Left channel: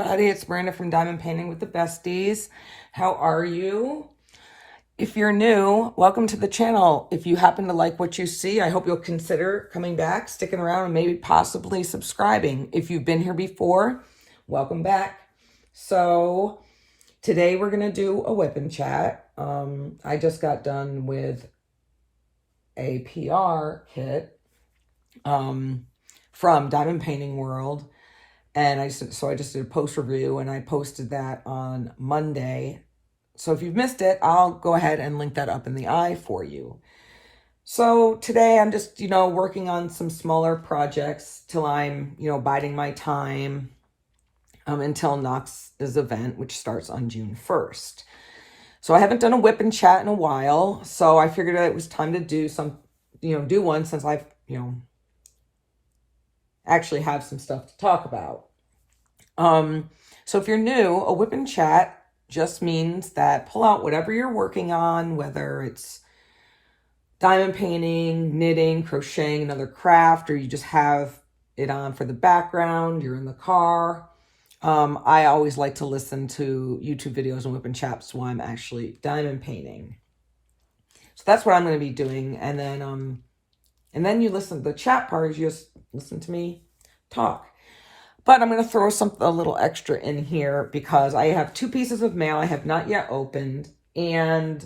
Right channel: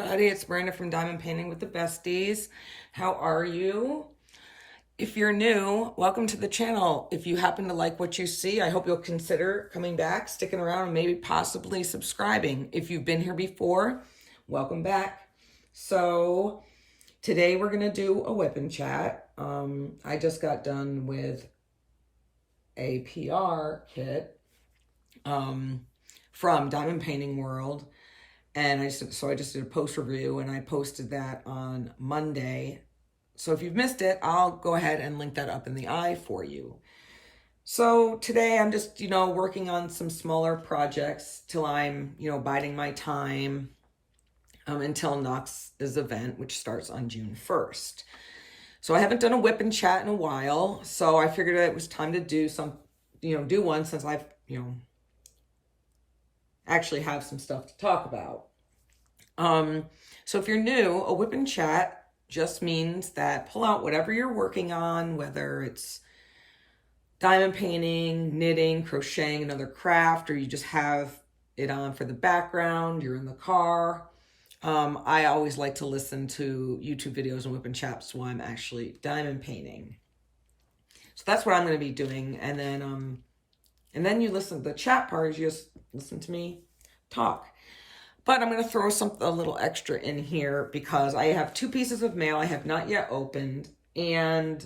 everybody. It's Brenda from Diamond Painting with the Besties. How are you? If you're new, welcome to the channel. If you happen to like what you see, I hope you'll consider coming back, sticking around, and maybe possibly subscribing. If you've been here before, welcome back. So today we're going to do a whip and chat. I just got done with a PR kit from Diamond Painting World. And I just did a post review and I posted that on Monday. So if you've missed it, I'll go ahead and link that up in the eye for you. So today I'm just, working on some smaller projects till I'm, biding my time until Knox's event, which starts on June 1st. So I haven't done a whip and chat in a while. So I figured it was time to do do one since I've, actually have some stuff to talk about. So if you're new, a whip and chat just means that pull out whatever you're working on, whether it's diamond painting, knitting, crocheting, another craft, or you just have it on for the background, you're in the car. I always like to listen to YouTube videos and whip and chats while I'm actually diamond painting. So that's what I'm going to be doing. And then you listen to the chat part, you just listen to me talk. But I'm going to throw a little extra in here because I have 2 pieces of mail I have not yet opened. And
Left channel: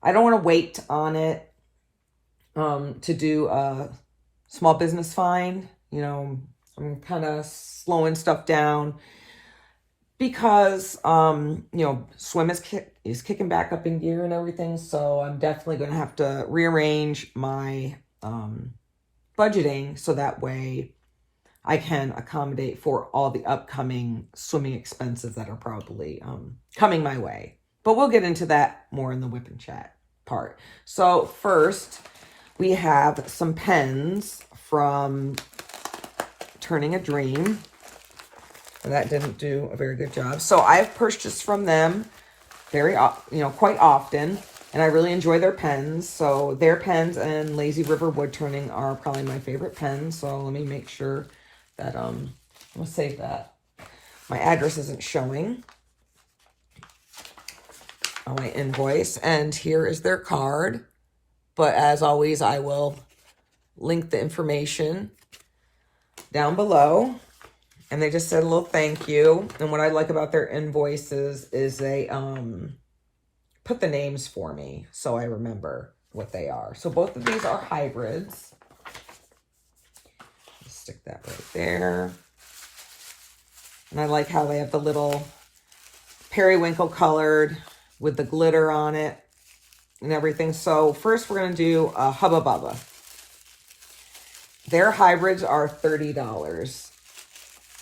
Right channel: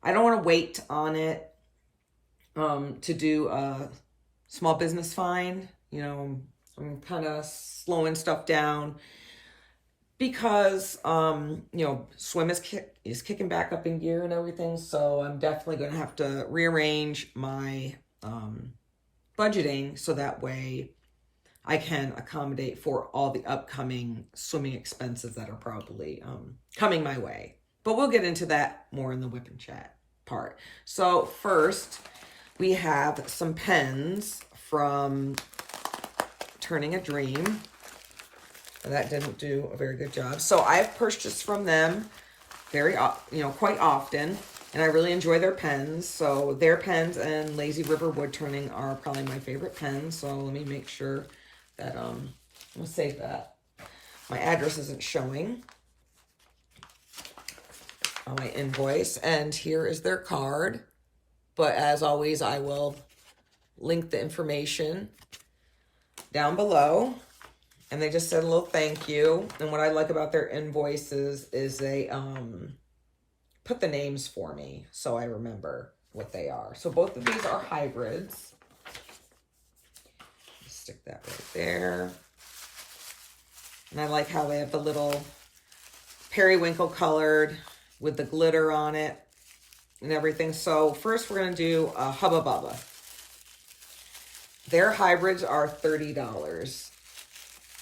I don't want to wait on it to do a small business find. I'm kind of slowing stuff down because, swim is kicking back up in gear and everything. So I'm definitely going to have to rearrange my budgeting so that way I can accommodate for all the upcoming swimming expenses that are probably coming my way. But we'll get into that more in the whip and chat part. So first, we have some pens from Turning a Dream. And that didn't do a very good job. So I've purchased from them quite often. And I really enjoy their pens. So their pens and Lazy River Wood Turning are probably my favorite pens. So let me make sure that, I'm going to save that. My address isn't showing on my invoice. And here is their card. But as always, I will link the information down below. And they just said a little thank you. And what I like about their invoices is they put the names for me so I remember what they are. So both of these are hybrids. Stick that right there. And I like how they have the little periwinkle colored with the glitter on it and everything. So first we're going to do a Hubba Bubba. Their hybrids are $30.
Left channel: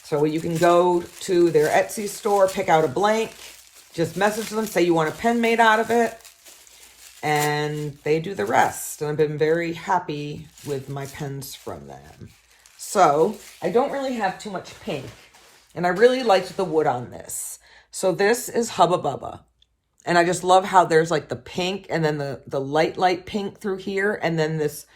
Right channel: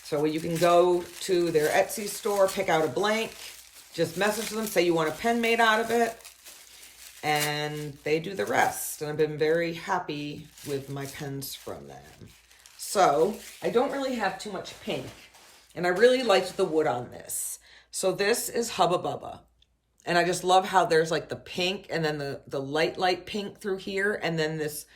So you can go to their Etsy store, pick out a blank, just message them, say you want a pen made out of it, and they do the rest. And I've been very happy with my pens from them. So I don't really have too much pink, and I really liked the wood on this. So this is Hubba Bubba, and I just love how there's like the pink and then the light pink through here, and then this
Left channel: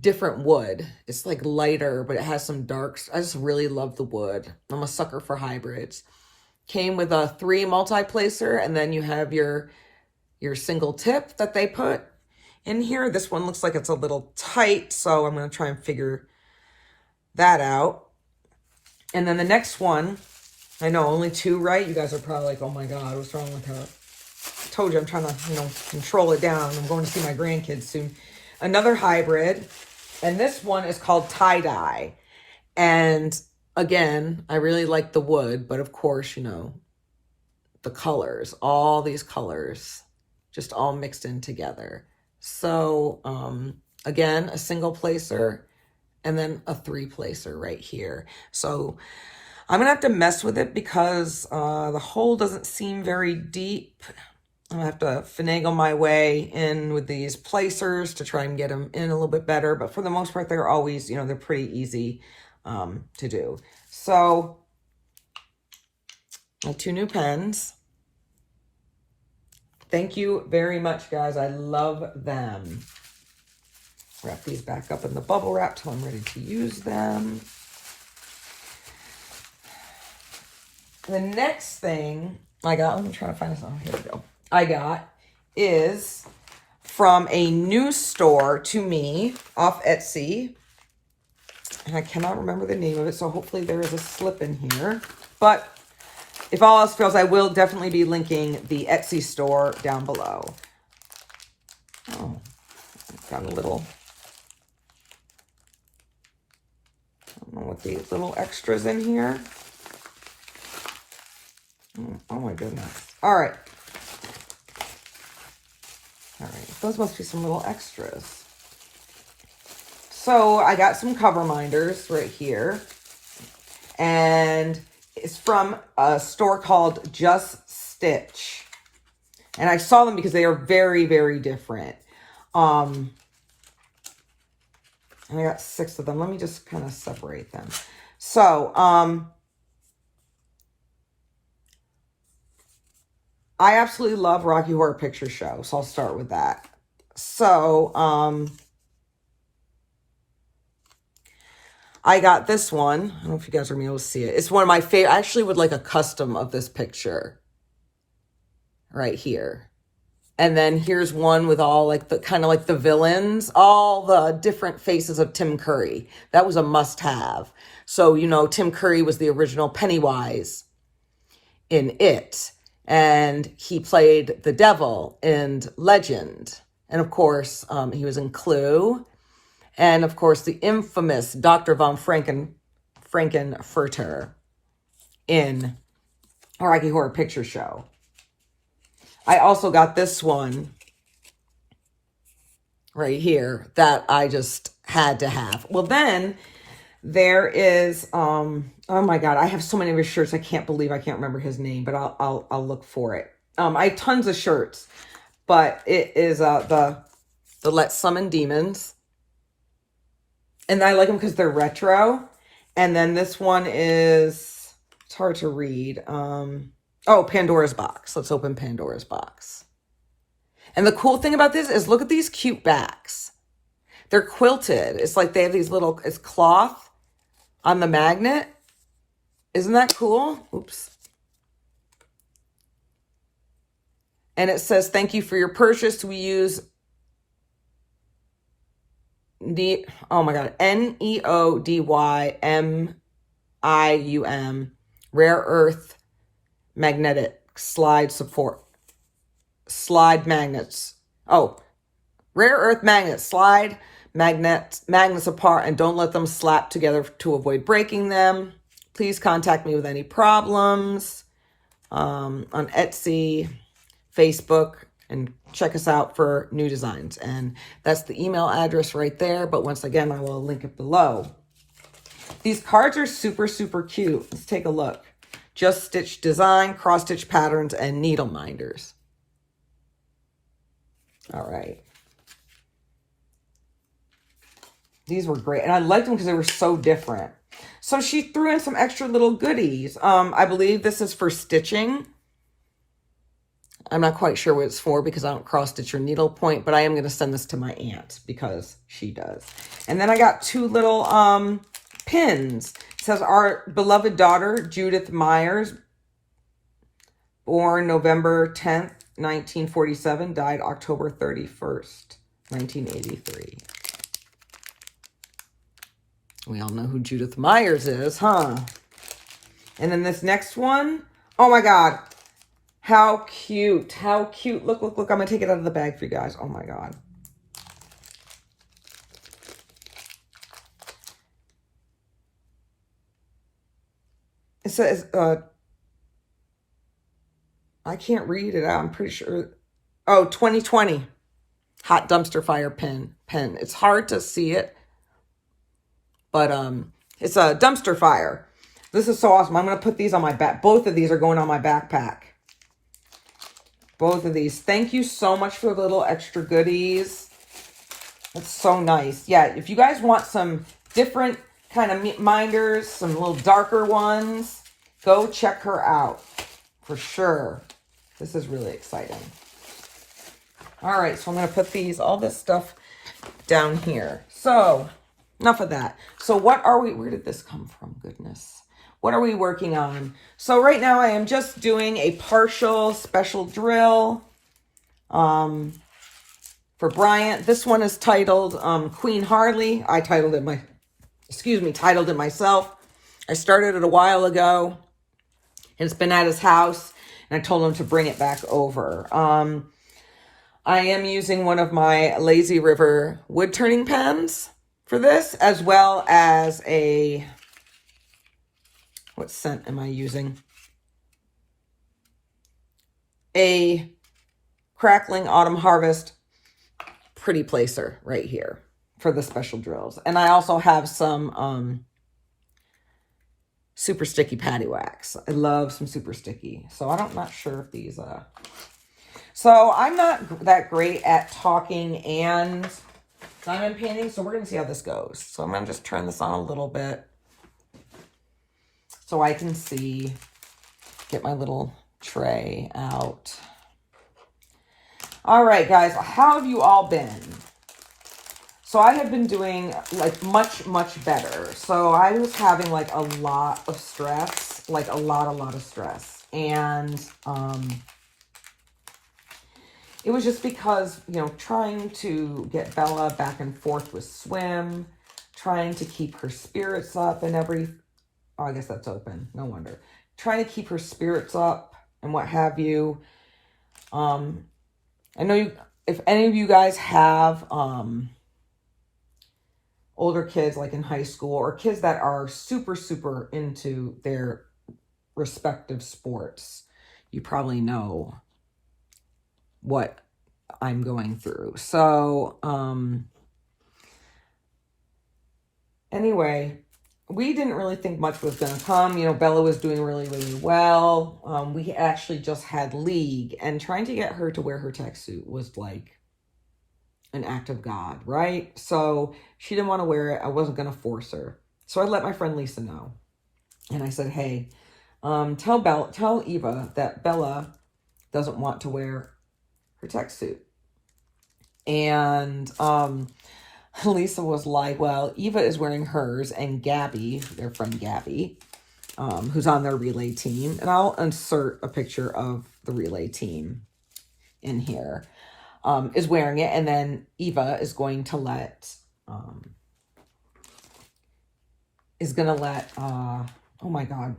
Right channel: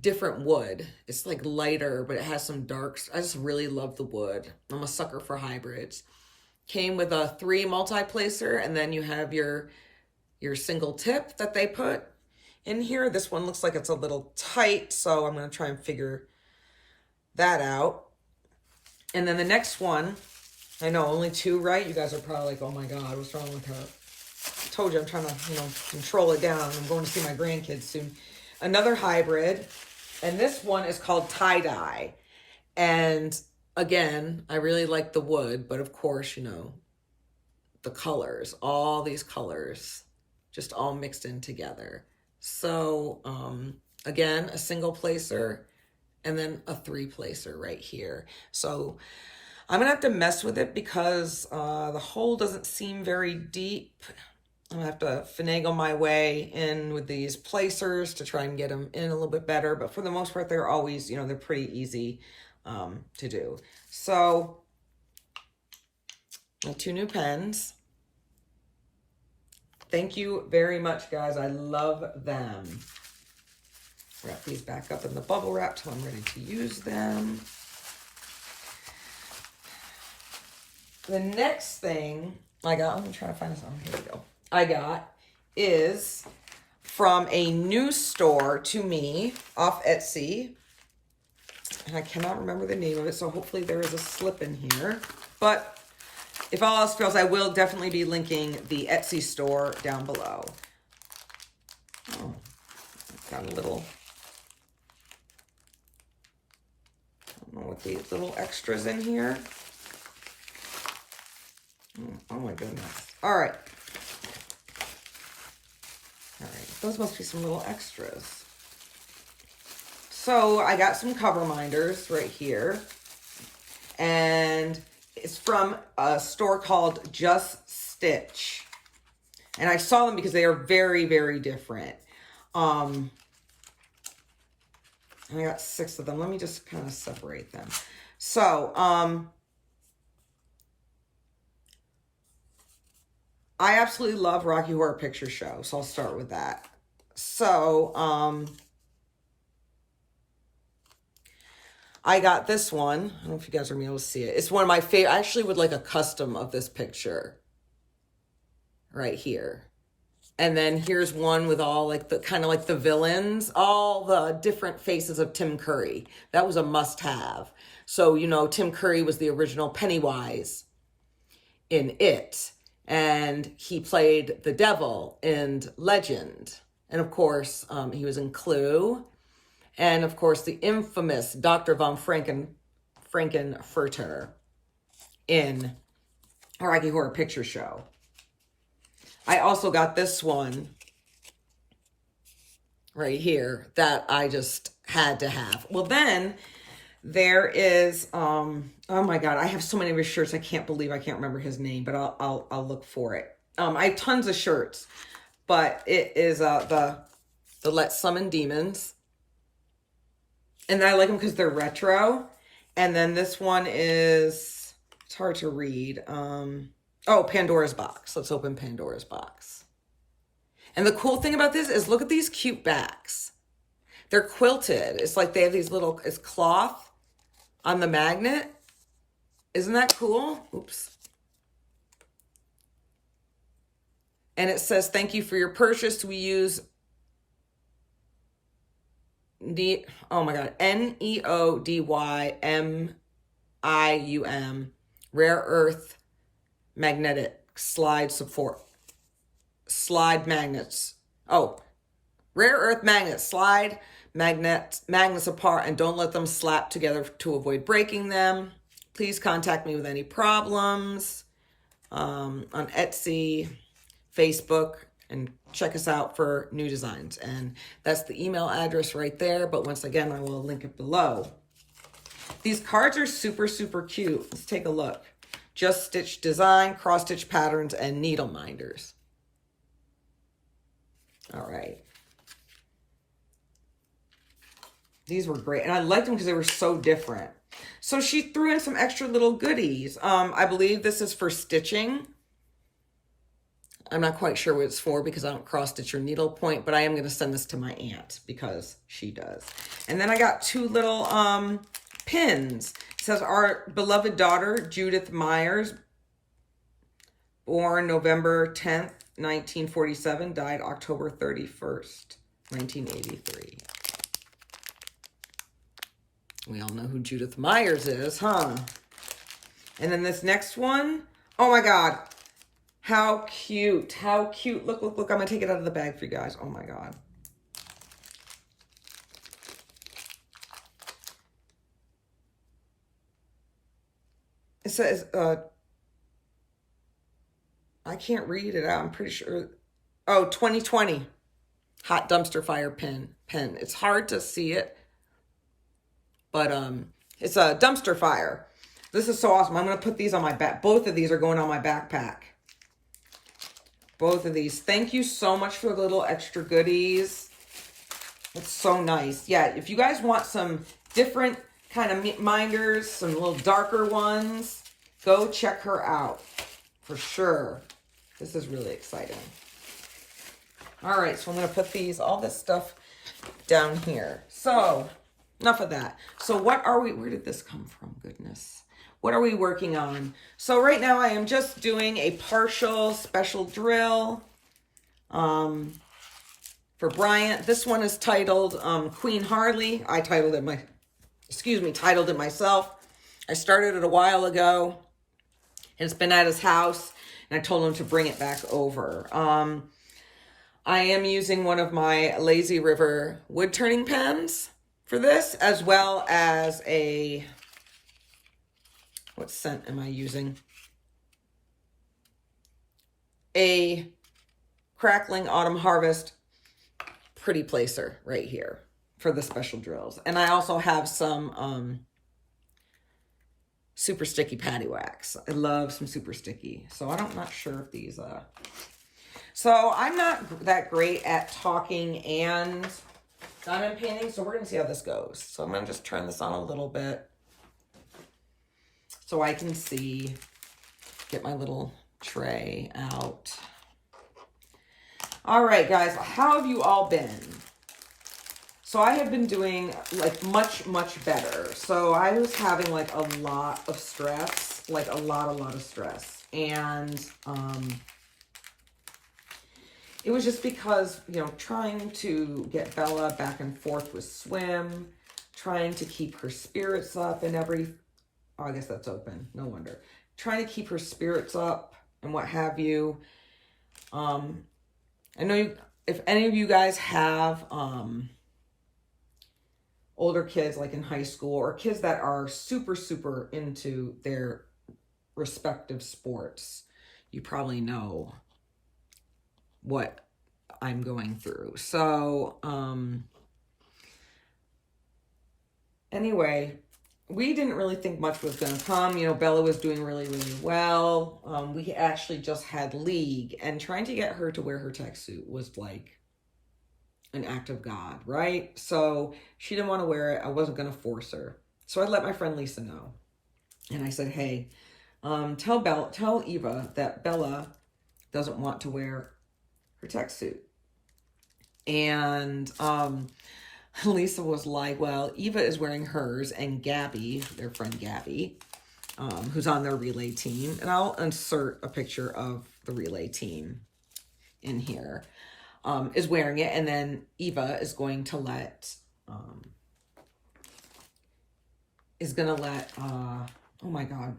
different wood. It's like lighter, but it has some darks. I just really love the wood. I'm a sucker for hybrids. Came with a 3 multi-placer, and then you have your single tip that they put in here. This one looks like it's a little tight, so I'm going to try and figure that out. And then the next one, I know only 2, right? You guys are probably like, oh my God, what's wrong with her? I told you I'm trying to, control it down. I'm going to see my grandkids soon. Another hybrid, and this one is called Tie Dye. And again, I really like the wood, but of course, the colors, all these colors, just all mixed in together. So, again, a single placer and then a 3 placer right here. So I'm gonna have to mess with it because the hole doesn't seem very deep. I'm gonna have to finagle my way in with these placers to try and get them in a little bit better. But for the most part, they're always, they're pretty easy to do. So my 2 new pens. Thank you very much, guys. I love them. Wrap these back up in the bubble wrap till I'm ready to use them. The next thing I got, I'm trying to find this on. Here we go. I got is from a new store to me off Etsy. And I cannot remember the name of it, so hopefully there is a slip in here. But if all else fails, I will definitely be linking the Etsy store down below. Oh, got a little, I don't know what the little extras in here. Oh my goodness. All right. All right. Those must be some little extras. So I got some cover minders right here. And it's from a store called Just Stitch. And I saw them because they are very, very different. And I got 6 of them. Let me just kind of separate them. So, I absolutely love Rocky Horror Picture Show, so I'll start with that. So, I got this one. I don't know if you guys are going to be able to see it. It's one of my favorite. I actually would like a custom of this picture right here. And then here's one with all like the kind of like the villains, all the different faces of Tim Curry. That was a must-have. So, you know, Tim Curry was the original Pennywise in It. And he played the devil in Legend. And of course, he was in Clue. And of course, the infamous Dr. von Frankenfurter in Rocky Horror Picture Show. I also got this one right here that I just had to have. Well, then there is, oh my God, I have so many of his shirts. I can't believe I can't remember his name, but I'll look for it. I have tons of shirts, but it is the Let's Summon Demons. And I like them because they're retro. And then this one is, it's hard to read. Oh, Pandora's Box. Let's open Pandora's Box. And the cool thing about this is look at these cute backs. They're quilted. It's like they have these little, it's cloth on the magnet. Isn't that cool? Oops. And it says, thank you for your purchase. We use oh my God, NEODYMIUM, rare earth magnetic slide magnets. Oh, rare earth magnets, slide magnets apart and don't let them slap together to avoid breaking them. Please contact me with any problems on Etsy, Facebook, and check us out for new designs. And that's the email address right there. But once again, I will link it below. These cards are super, super cute. Let's take a look. Just Stitch design, cross stitch patterns, and needle minders. All right. These were great. And I liked them because they were so different. So she threw in some extra little goodies. I believe this is for stitching. I'm not quite sure what it's for because I don't cross stitch or needle point, but I am going to send this to my aunt because she does. And then I got 2 little pins. It says, our beloved daughter, Judith Myers, born November 10th, 1947, died October 31st, 1983. We all know who Judith Myers is, huh? And then this next one, oh my God. How cute. How cute. Look, look, look. I'm going to take it out of the bag for you guys. Oh my God. It says, I can't read it out. I'm pretty sure. Oh, 2020. Hot dumpster fire pen. It's hard to see it. But it's a dumpster fire. This is so awesome. I'm going to put these on my back. Both of these are going on my backpack. Both of these. Thank you so much for the little extra goodies. It's so nice. Yeah, if you guys want some different kind of minders, some little darker ones, go check her out for sure. This is really exciting. All right, so I'm going to put all this stuff down here. So, enough of that. So what are we, where did this come from? Goodness. what are we working on? So right now I am just doing a partial special drill for Bryant. This one is titled Queen Harley. I titled it myself. I started it a while ago. It's been at his house, and I told him to bring it back over. I am using one of my Lazy River wood turning pens for this, as well as what scent am I using? A Crackling Autumn Harvest Pretty Placer right here for the special drills. And I also have some super sticky patty wax. I love some super sticky. So I'm not sure if these so I'm not that great at talking and diamond painting, so we're gonna see how this goes. So I'm gonna just turn this on a little bit so I can see, get my little tray out. All right, guys, how have you all been? So I have been doing like much, much better. So I was having like a lot of stress, like a lot of stress. And it was just because, you know, trying to get Bella back and forth with swim, trying to keep her spirits up and oh, I guess that's open. No wonder. Trying to keep her spirits up and what have you. I know if any of you guys have older kids like in high school or kids that are super, super into their respective sports, you probably know what I'm going through. So, anyway, we didn't really think much was going to come. You know, Bella was doing really, really well. We actually just had league, and trying to get her to wear her tech suit was like an act of God, right? So she didn't want to wear it. I wasn't going to force her. So I let my friend Lisa know. And I said, hey, tell Eva that Bella doesn't want to wear her tech suit. And Lisa was like, well, Eva is wearing hers, and Gabby, their friend Gabby, who's on their relay team, and I'll insert a picture of the relay team in here, is wearing it. And then Eva is going to let, oh my God,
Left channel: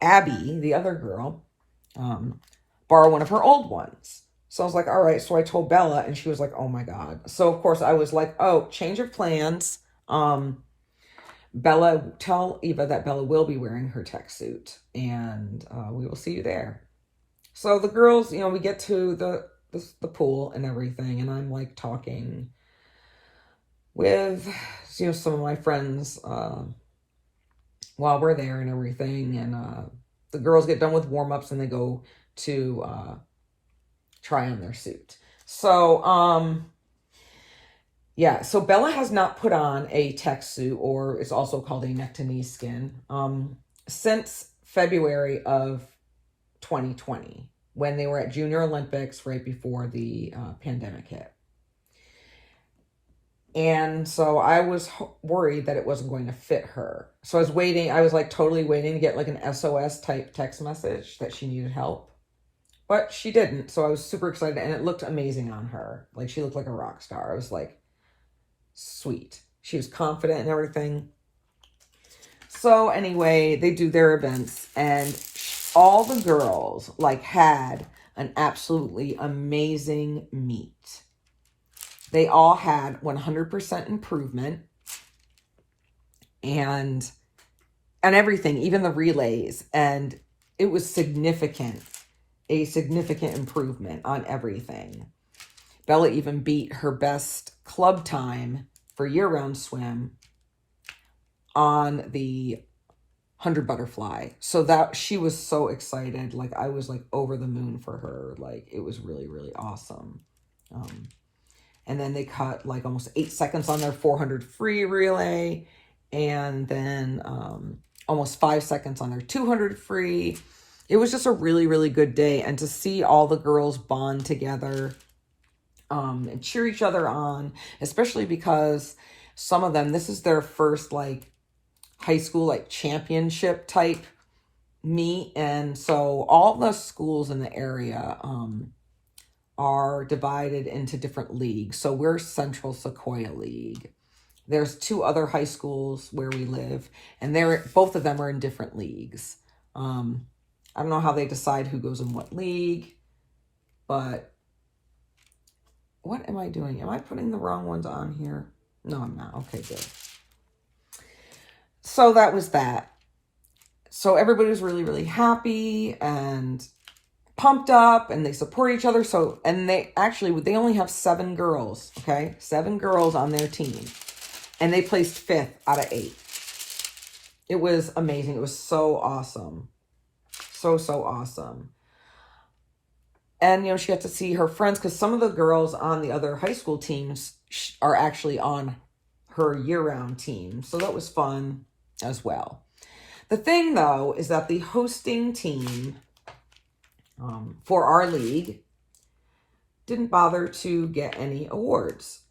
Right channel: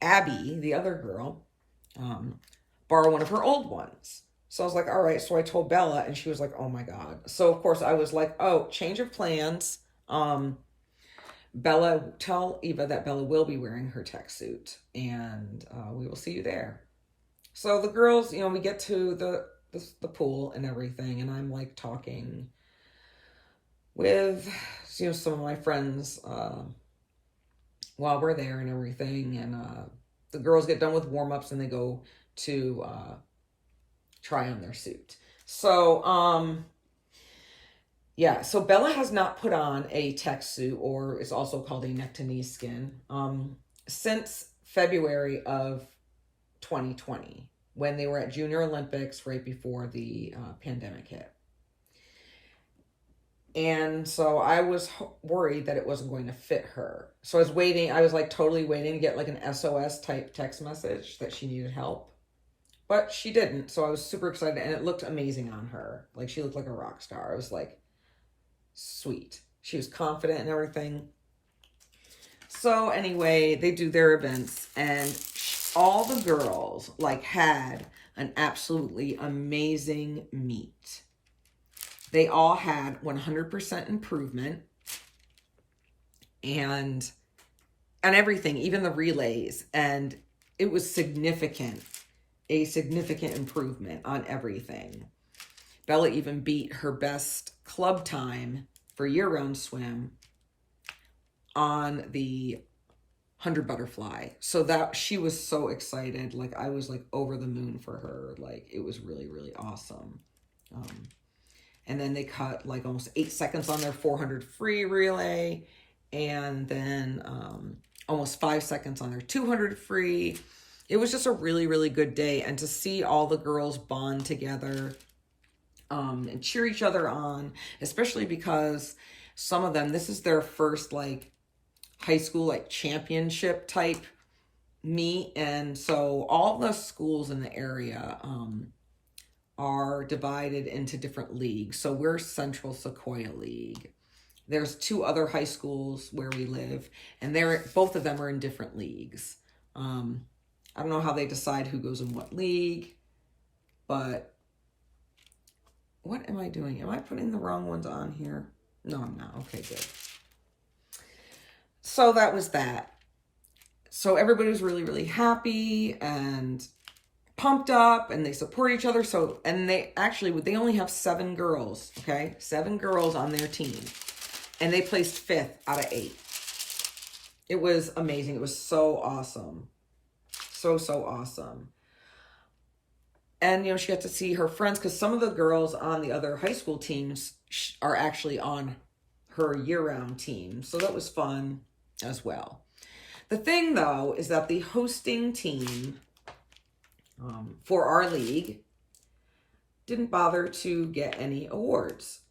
Abby, the other girl, borrow one of her old ones. So I was like, all right. So I told Bella, and she was like, oh my God. So of course I was like, oh, change of plans. Bella, tell Eva that Bella will be wearing her tech suit, and we will see you there. So the girls, you know, we get to the pool and everything, and I'm like talking with, you know, some of my friends while we're there and everything. And the girls get done with warm-ups and they go to try on their suit. So, yeah, so Bella has not put on a tech suit, or it's also called a neck to knee skin, since February of 2020, when they were at Junior Olympics right before the pandemic hit. And so I was worried that it wasn't going to fit her. So I was waiting. I was like totally waiting to get like an SOS type text message that she needed help. But she didn't. So I was super excited, and it looked amazing on her. Like, she looked like a rock star. I was like, sweet. She was confident and everything. So anyway, they do their events, and all the girls like had an absolutely amazing meet. They all had 100% improvement and everything, even the relays. And it was significant, a significant improvement on everything. Bella even beat her best club time for year-round swim on the 100 butterfly. So that she was so excited. Like, I was like over the moon for her. Like, it was really, really awesome. And then they cut like almost 8 seconds on their 400 free relay, and then almost 5 seconds on their 200 free. It was just a really, really good day. And to see all the girls bond together and cheer each other on, especially because some of them, this is their first like high school like championship type meet. And so all the schools in the area are divided into different leagues. So we're Central Sequoia League. There's 2 other high schools where we live, and both of them are in different leagues. I don't know how they decide who goes in what league, but what am I doing? Am I putting the wrong ones on here? No, I'm not. Okay, good. So that was that. So everybody was really, really happy and pumped up, and they support each other. So, and they only have 7 girls, okay? 7 girls on their team. And they placed 5th out of 8. It was amazing. It was so awesome. So awesome. And, you know, she got to see her friends, because some of the girls on the other high school teams are actually on her year-round team. So that was fun as well. The thing, though, is that the hosting team for our league didn't bother to get any awards.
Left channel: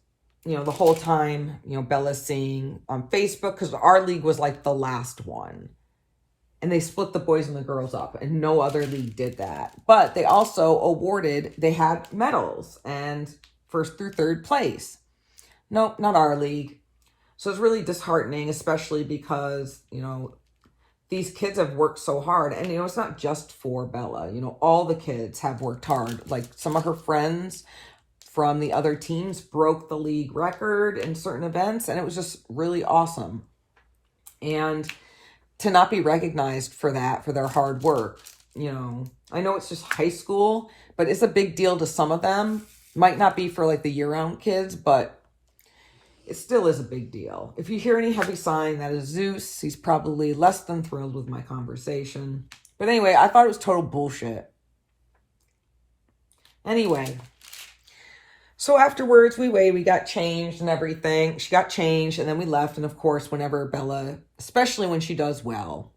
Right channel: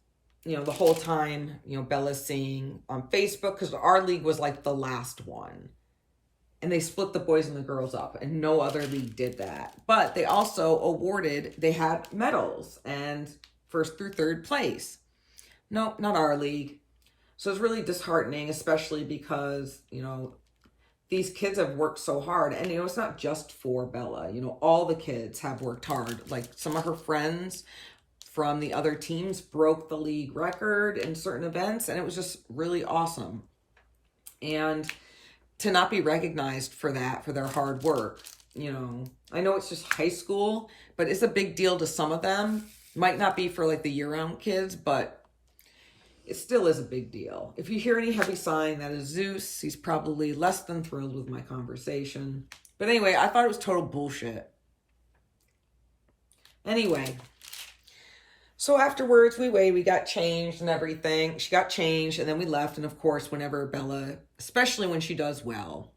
You know, the whole time, you know, Bella's saying on Facebook, because our league was like the last one. And they split the boys and the girls up, and no other league did that. But they also they had medals and 1st through 3rd place. Nope, not our league. So it's really disheartening, especially because, you know, these kids have worked so hard. And, you know, it's not just for Bella. You know, all the kids have worked hard. Like, some of her friends from the other teams broke the league record in certain events, and it was just really awesome. And to not be recognized for that, for their hard work, you know, I know it's just high school, but it's a big deal to some of them. Might not be for like the year-round kids, but it still is a big deal. If you hear any heavy sighing, that is Zeus. He's probably less than thrilled with my conversation. But anyway, I thought it was total bullshit. Anyway, so afterwards, we got changed and everything. She got changed, and then we left. And of course, whenever Bella, especially when she does well,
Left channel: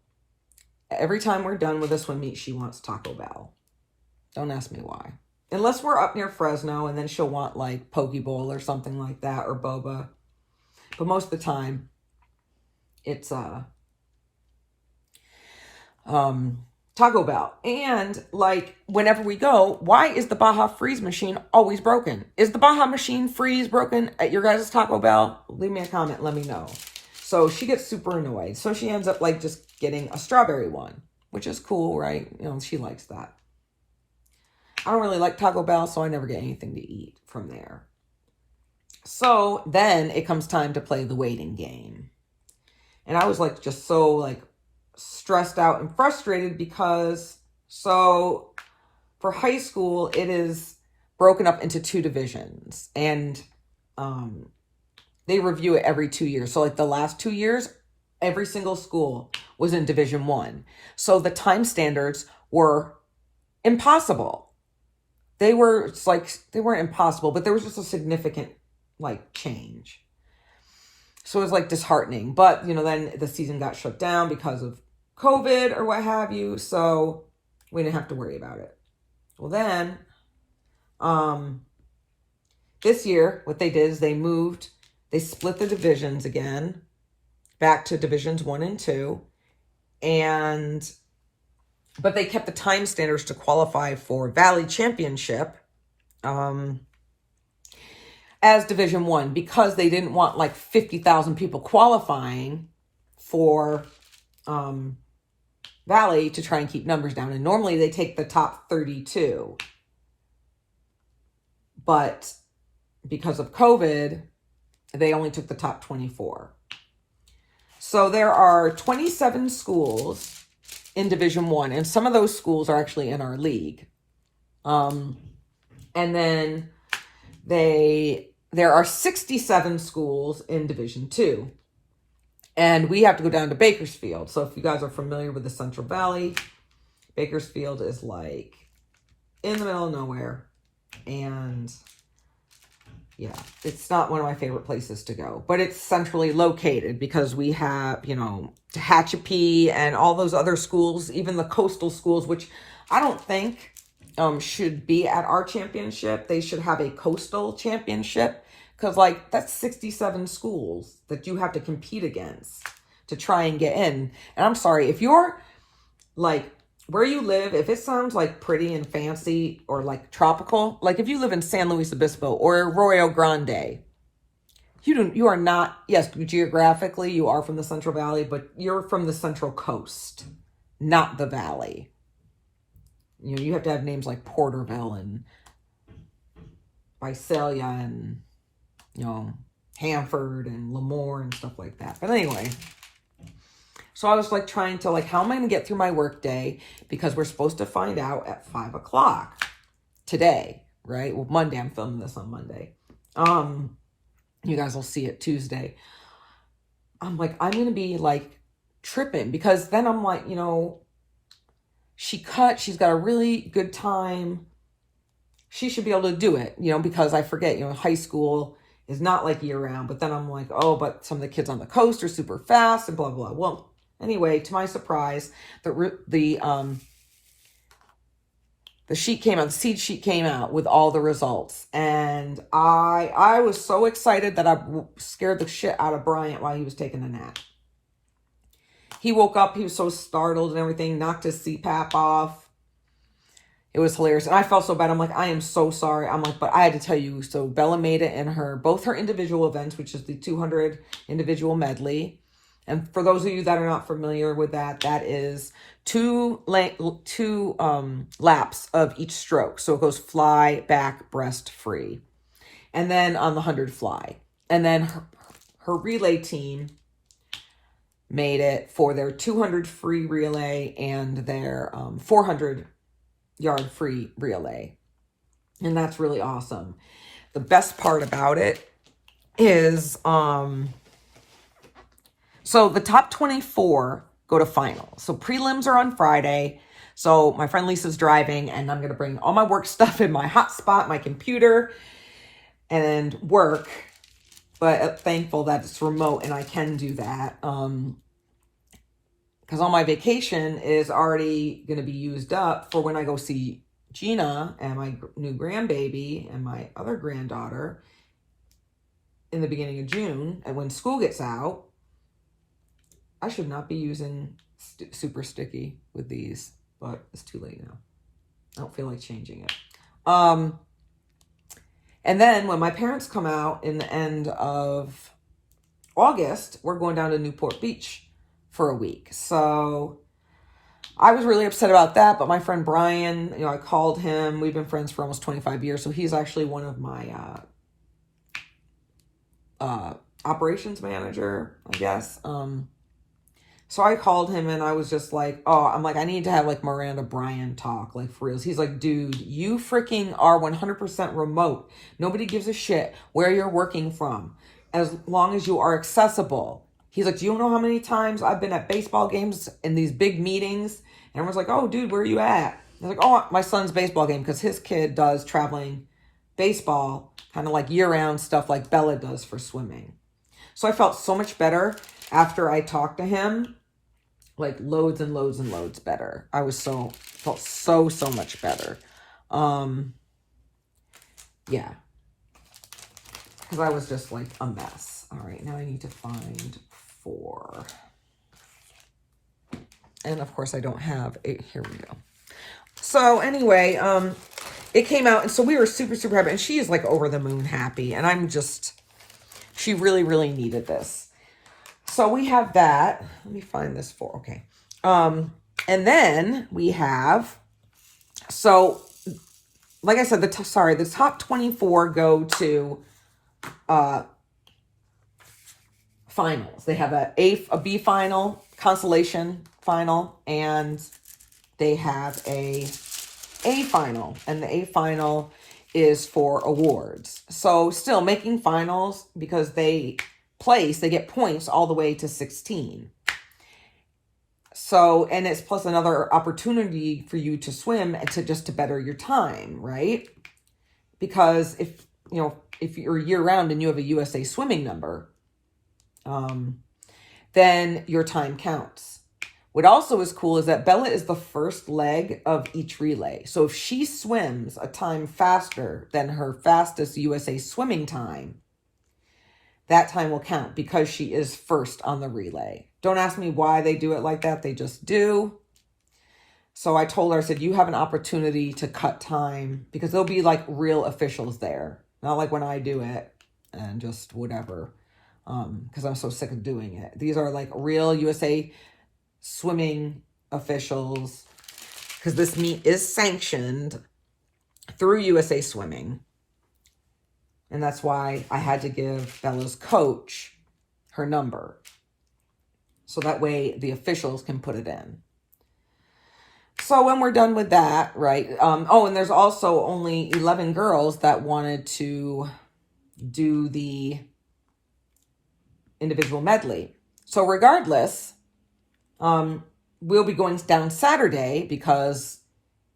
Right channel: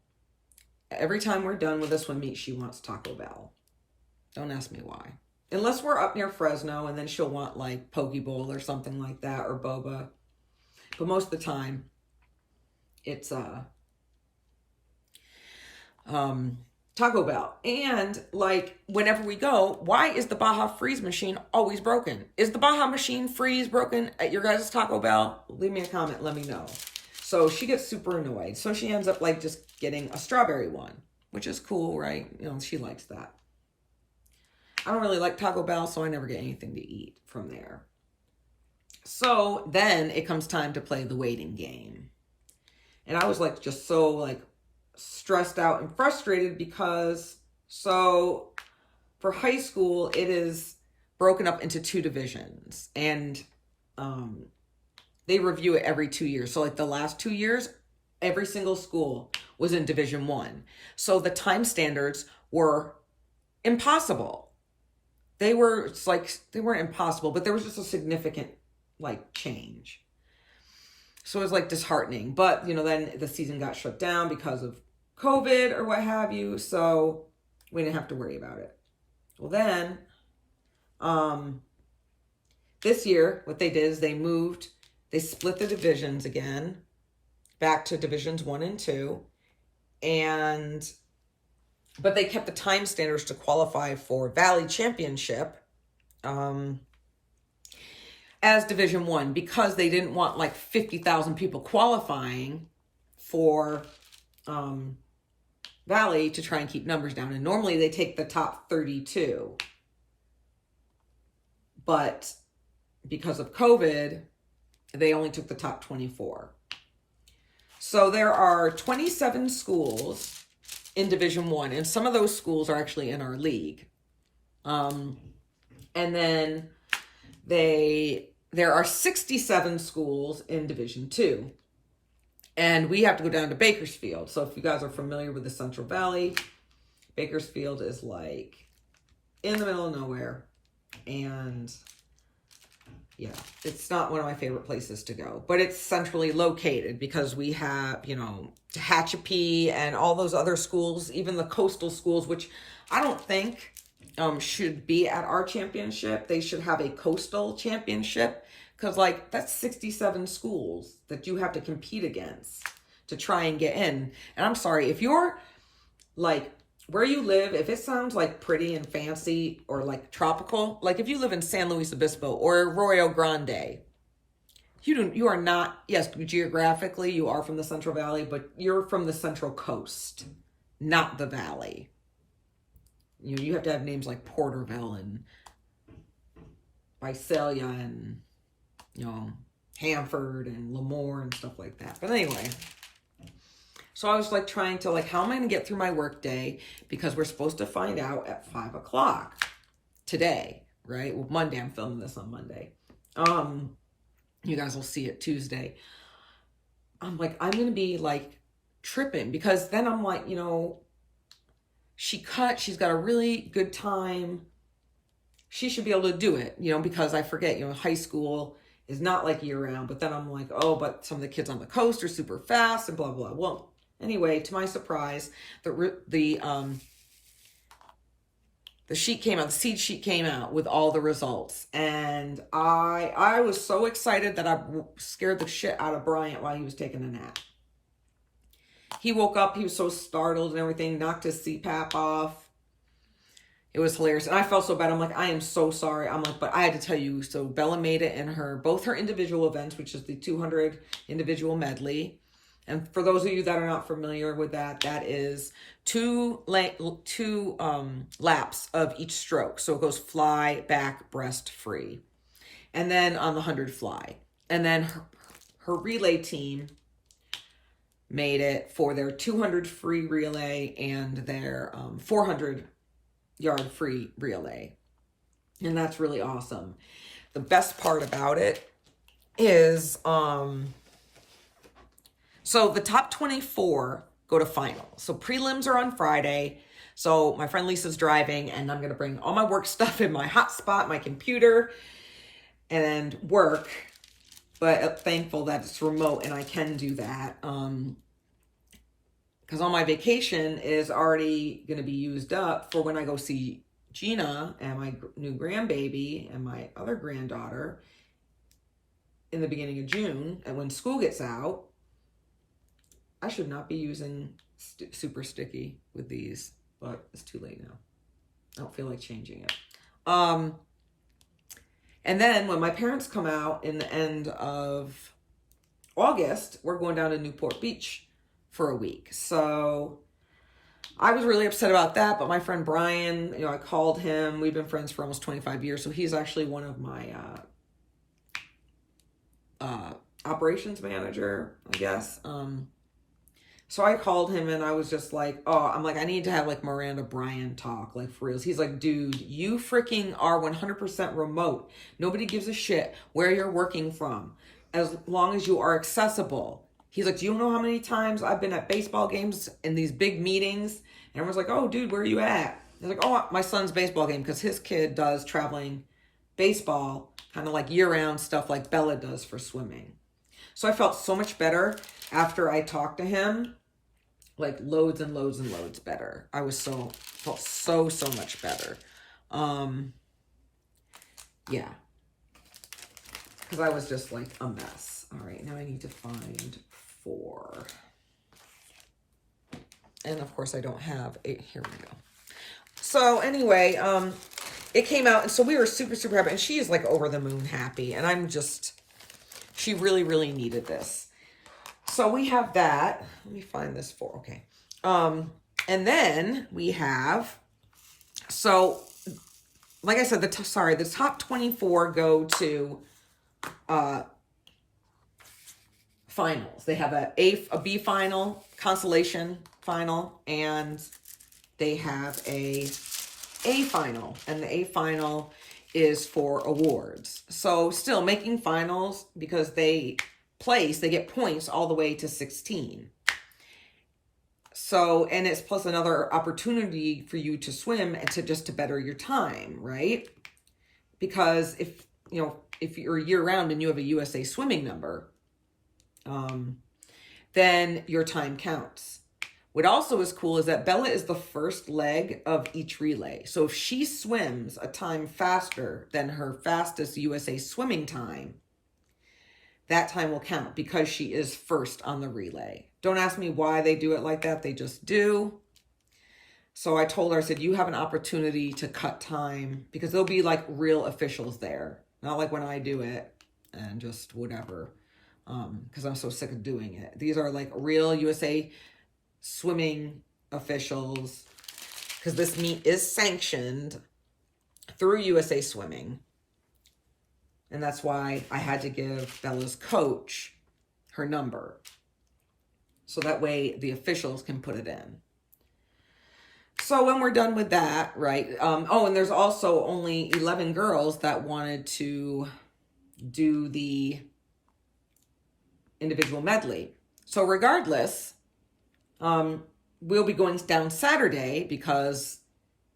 every time we're done with this one meet, she wants Taco Bell. Don't ask me why. Unless we're up near Fresno, and then she'll want like Poke Bowl or something like that, or boba. But most of the time, it's Taco Bell. And like, whenever we go, why is the Baja freeze machine always broken? Is the Baja machine freeze broken at your guys' Taco Bell? Leave me a comment, let me know. So she gets super annoyed. So she ends up like just getting a strawberry one, which is cool, right? You know, she likes that. I don't really like Taco Bell, so I never get anything to eat from there. So then it comes time to play the waiting game. And I was like, just so like stressed out and frustrated, because so for high school, it is broken up into 2 divisions, and they review it every 2 years. So like the last 2 years, every single school was in Division 1. So the time standards were impossible. They weren't impossible, but there was just a significant like change. So it was like disheartening. But, you know, then the season got shut down because of COVID or what have you. So we didn't have to worry about it. Well, then this year, what they did is they split the divisions again back to Divisions 1 and 2. But they kept the time standards to qualify for Valley Championship as Division 1, because they didn't want like 50,000 people qualifying for Valley to try and keep numbers down. And normally they take the top 32. But because of COVID, they only took the top 24. So there are 27 schools in Division 1, and some of those schools are actually in our league. And then there are 67 schools in Division 2. And we have to go down to Bakersfield. So if you guys are familiar with the Central Valley, Bakersfield is like in the middle of nowhere. And yeah, it's not one of my favorite places to go, but it's centrally located because we have, you know, Tehachapi and all those other schools, even the coastal schools, which I don't think should be at our championship. They should have a coastal championship, because like that's 67 schools that you have to compete against to try and get in. And I'm sorry, if you're like where you live, if it sounds like pretty and fancy or like tropical, like if you live in San Luis Obispo or Arroyo Grande, you are not, yes, geographically you are from the Central Valley, but you're from the Central Coast, not the Valley. You know, you have to have names like Porterville and Visalia and, you know, Hanford and Lemoore and stuff like that. But anyway, so I was like trying to like, how am I going to get through my work day? Because we're supposed to find out at 5 o'clock today, right? Well, Monday, I'm filming this on Monday. You guys will see it Tuesday. I'm like, I'm going to be like tripping because then I'm like, you know, she's got a really good time. She should be able to do it, you know, because I forget, you know, high school is not like year round, but then I'm like, oh, but some of the kids on the coast are super fast and blah, blah, blah. Well, anyway, to my the sheet came out, the seed sheet came out with all the results. And I was so excited that I scared the shit out of Bryant while he was taking a nap. He woke up, he was so startled and everything, knocked his CPAP off. It was hilarious. And I felt so bad. I'm like, I am so sorry. I'm like, but I had to tell you. So Bella made it in both her individual events, which is the 200 individual medley. And for those of you that are not familiar with that, that is two laps of each stroke. So it goes fly, back, breast, free. And then on the 100 fly. And then her relay team made it for their 200 free relay and their 400 yard free relay. And that's really awesome. The best part about it is, so the top 24 go to finals. So prelims are on Friday. So my friend Lisa's driving and I'm going to bring all my work stuff in my hotspot, my computer, and work. But I'm thankful that it's remote and I can do that. Because all my vacation is already going to be used up for when I go see Gina and my new grandbaby and my other granddaughter in the beginning of June. And when school gets out, I should not be using super sticky with these, but it's too late now. I don't feel like changing it. And then when my parents come out in the end of August, we're going down to Newport Beach for a week. So I was really upset about that, but my friend Brian, you know, I called him. We've been friends for almost 25 years. So he's actually one of my operations manager, I guess. So I called him and I was just like, oh, I'm like, I need to have like Miranda Bryan talk, like for reals. He's like, dude, you freaking are 100% remote. Nobody gives a shit where you're working from as long as you are accessible. He's like, do you know how many times I've been at baseball games in these big meetings? And everyone's like, oh, dude, where are you at? I was like, oh, my son's baseball game, because his kid does traveling baseball, kind of like year-round stuff like Bella does for swimming. So I felt so much better after I talked to him, like loads and loads and loads better. I was felt so much better. Yeah. Because I was just like a mess. All right, now I need to find 4. And of course I don't have 8. Here we go. So anyway, it came out, and so we were super happy, and she is like over the moon happy, and I'm just, she really needed this. So we have that. Let me find this okay. And then we have, so like I said, the top 24 go to finals. They have a B final, consolation final, and they have a final, and the A final is for awards. So still making finals, because they get points all the way to 16. So, and it's plus another opportunity for you to swim and to better your time, right? Because if you're year round and you have a USA swimming number, then your time counts. What also is cool is that Bella is the first leg of each relay. So if she swims a time faster than her fastest USA swimming time, that time will count because she is first on the relay. Don't ask me why they do it like that. They just do. So I told her, I said, you have an opportunity to cut time because there'll be like real officials there. Not like when I do it and just whatever. Because I'm so sick of doing it. These are like real USA swimming officials. Because this meet is sanctioned through USA Swimming. And that's why I had to give Bella's coach her number. So that way the officials can put it in. So when we're done with that, right? Oh, and there's also only 11 girls that wanted to do the individual medley. So regardless, we'll be going down Saturday because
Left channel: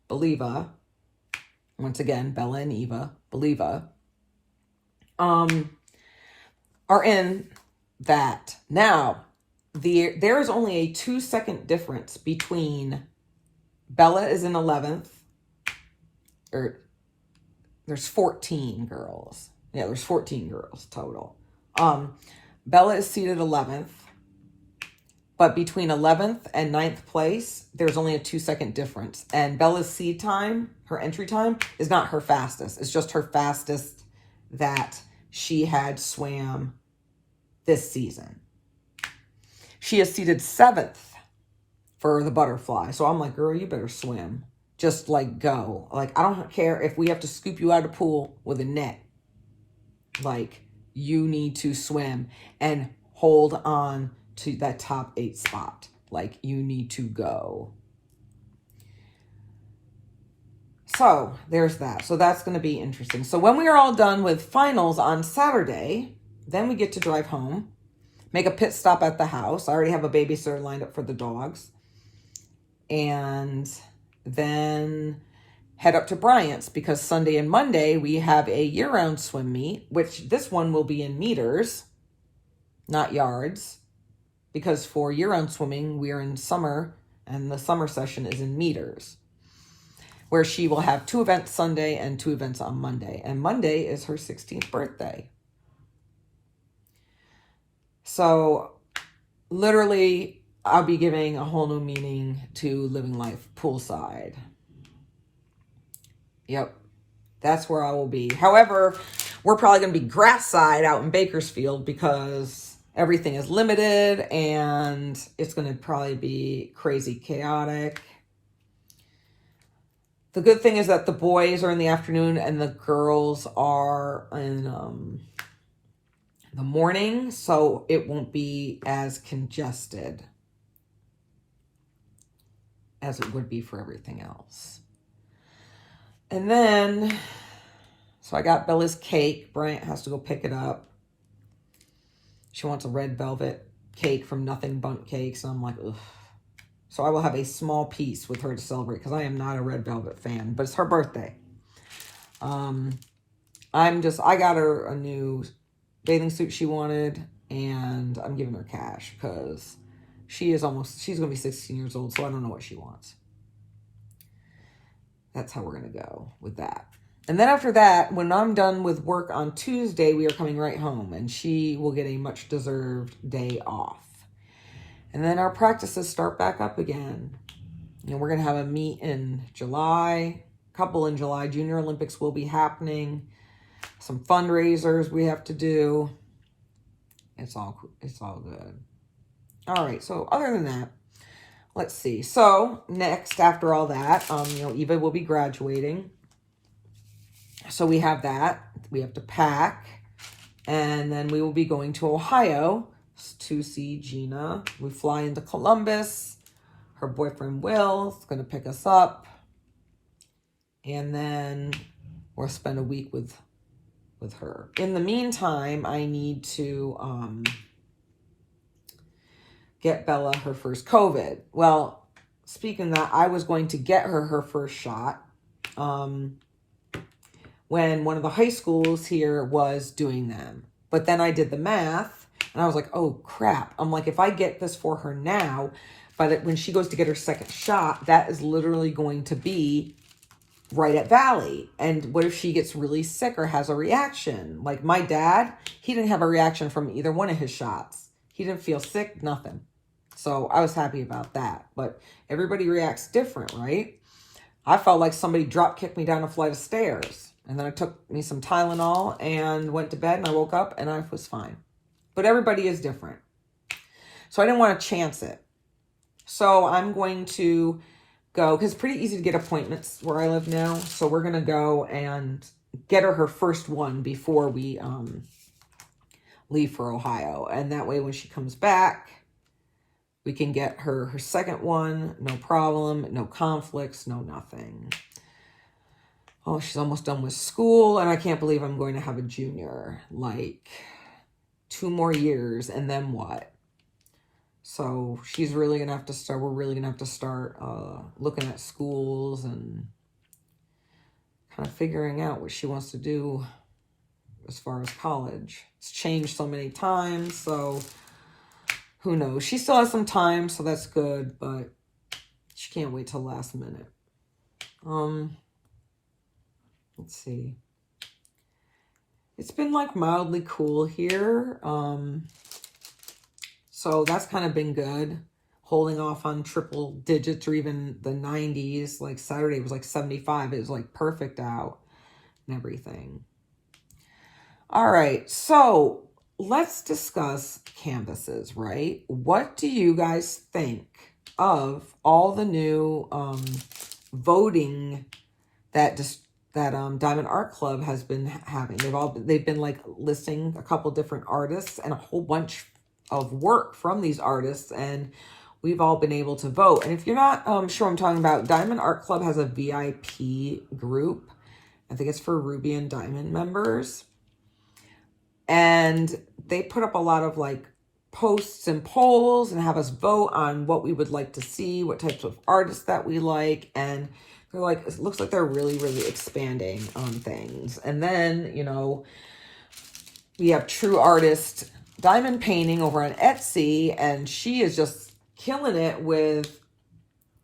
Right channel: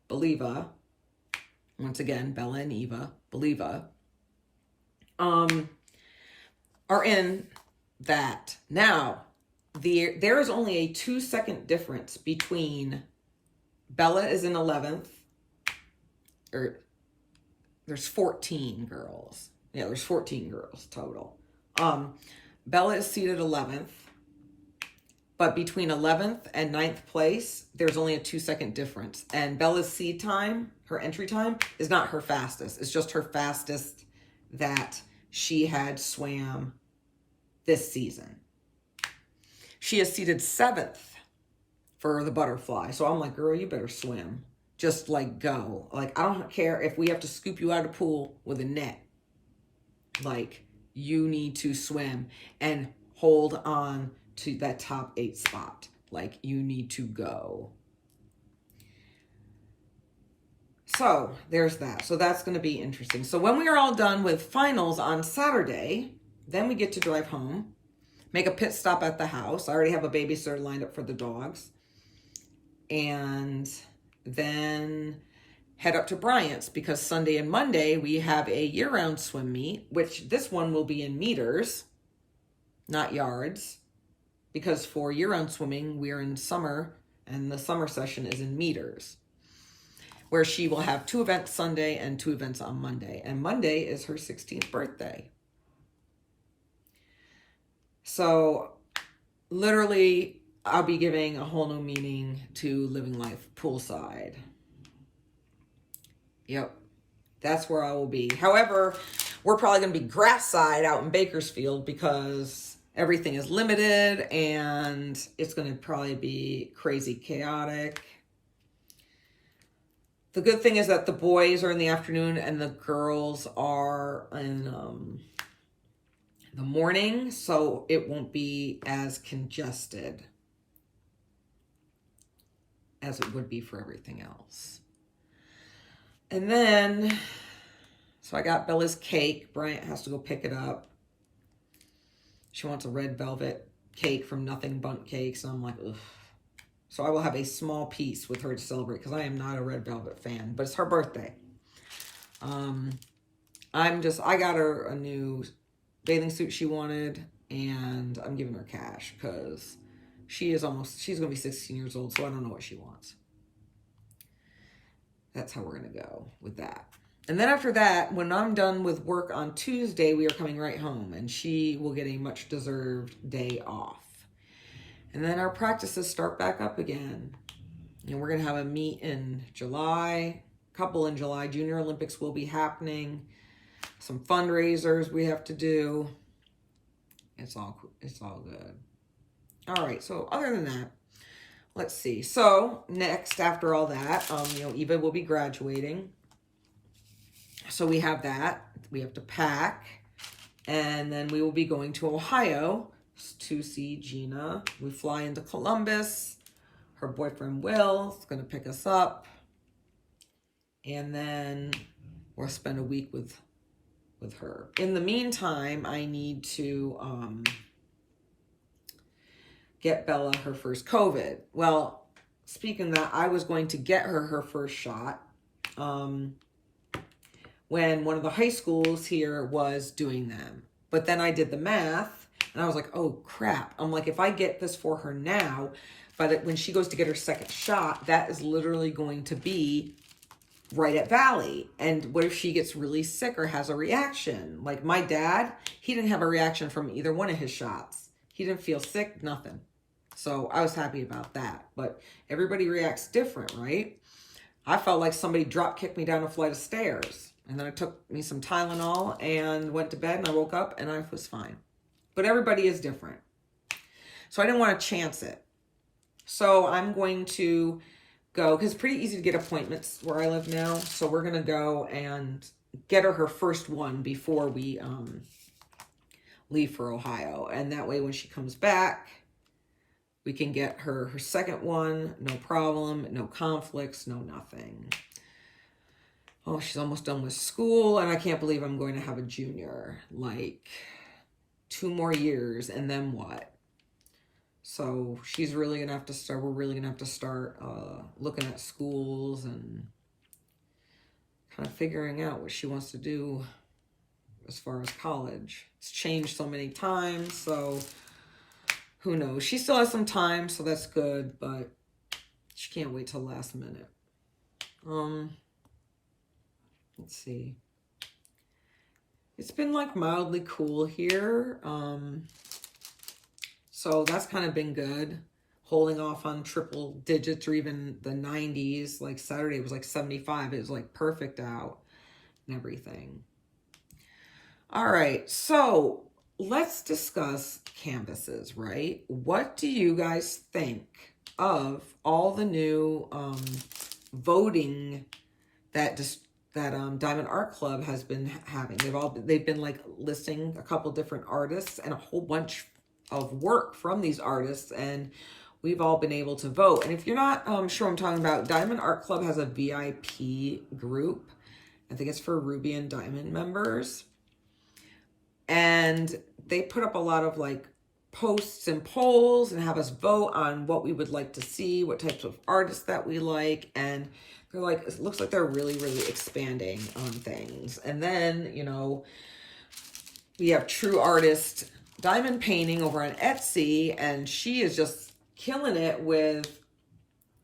Believa, once again, Bella and Eva, Believa, are in that. Now, there is only a 2-second difference between Bella is in 11th, or there's 14 girls. Yeah, there's 14 girls total. Bella is seated 11th, but between 11th and 9th place, there's only a 2-second difference. And Bella's seed time, her entry time, is not her fastest. It's just her fastest that she had swam this season. She is seated 7th for the butterfly. So I'm like, girl, you better swim. Just like go. Like, I don't care if we have to scoop you out of the pool with a net. Like, you need to swim and hold on to that top 8 spot. Like, you need to go. So there's that. So that's going to be interesting. So when we are all done with finals on Saturday, then we get to drive home, make a pit stop at the house. I already have a babysitter lined up for the dogs. And then head up to Bryant's because Sunday and Monday we have a year-round swim meet, which this one will be in meters, not yards, because for year-round swimming, we are in summer and the summer session is in meters, where she will have 2 events Sunday and 2 events on Monday. And Monday is her 16th birthday. So literally, I'll be giving a whole new meaning to living life poolside. Yep, that's where I will be. However, we're probably going to be grass side out in Bakersfield because everything is limited and it's going to probably be crazy chaotic. The good thing is that the boys are in the afternoon and the girls are in the morning, so it won't be as congested as it would be for everything else. And then, so I got Bella's cake. Bryant has to go pick it up. She wants a red velvet cake from Nothing Bundt Cakes. And I'm like, ugh. So I will have a small piece with her to celebrate because I am not a red velvet fan, but it's her birthday. I got her a new bathing suit she wanted and I'm giving her cash because she's going to be 16 years old, so I don't know what she wants. That's how we're going to go with that. And then after that, when I'm done with work on Tuesday, we are coming right home and she will get a much deserved day off. And then our practices start back up again. And we're going to have a meet in July, a couple in July. Junior Olympics will be happening. Some fundraisers we have to do. It's all good. All right, so other than that, let's see. So next, after all that, Eva will be graduating. So we have that. We have to pack. And then we will be going to Ohio to see Gina. We fly into Columbus. Her boyfriend Will is going to pick us up. And then we'll spend a week with her. In the meantime, I need to get Bella her first COVID. Well, speaking of that, I was going to get her first shot when one of the high schools here was doing them. But then I did the math and I was like, oh crap. I'm like, if I get this for her now, but when she goes to get her second shot, that is literally going to be right at Valley. And what if she gets really sick or has a reaction? Like my dad, he didn't have a reaction from either one of his shots. He didn't feel sick, nothing. So I was happy about that. But everybody reacts different, right? I felt like somebody drop kicked me down a flight of stairs. And then I took me some Tylenol and went to bed, and I woke up and I was fine. But everybody is different. So I didn't want to chance it. So I'm going to go, because it's pretty easy to get appointments where I live now. So we're going to go and get her first one before we leave for Ohio. And that way when she comes back, we can get her second one, no problem, no conflicts, no nothing. Oh, she's almost done with school, and I can't believe I'm going to have a junior. Like, 2 more years, and then what? So she's really going to have to start, we're really going to have to start looking at schools and kind of figuring out what she wants to do as far as college. It's changed so many times, so who knows? She still has some time, so that's good, but she can't wait till last minute. Let's see. It's been like mildly cool here. So that's kind of been good. Holding off on triple digits or even the 90s. Like Saturday was like 75. It was like perfect out and everything. All right, so let's discuss canvases, right? What do you guys think of all the new voting that Diamond Art Club has been having? They've been like listing a couple different artists and a whole bunch of work from these artists, and we've all been able to vote. And if you're not sure what I'm talking about, Diamond Art Club has a VIP group. I think it's for Ruby and Diamond members. And they put up a lot of like posts and polls and have us vote on what we would like to see, what types of artists that we like. And they're like, it looks like they're really, really expanding on things. And then, you know, we have True Artist Diamond Painting over on Etsy, and she is just killing it with,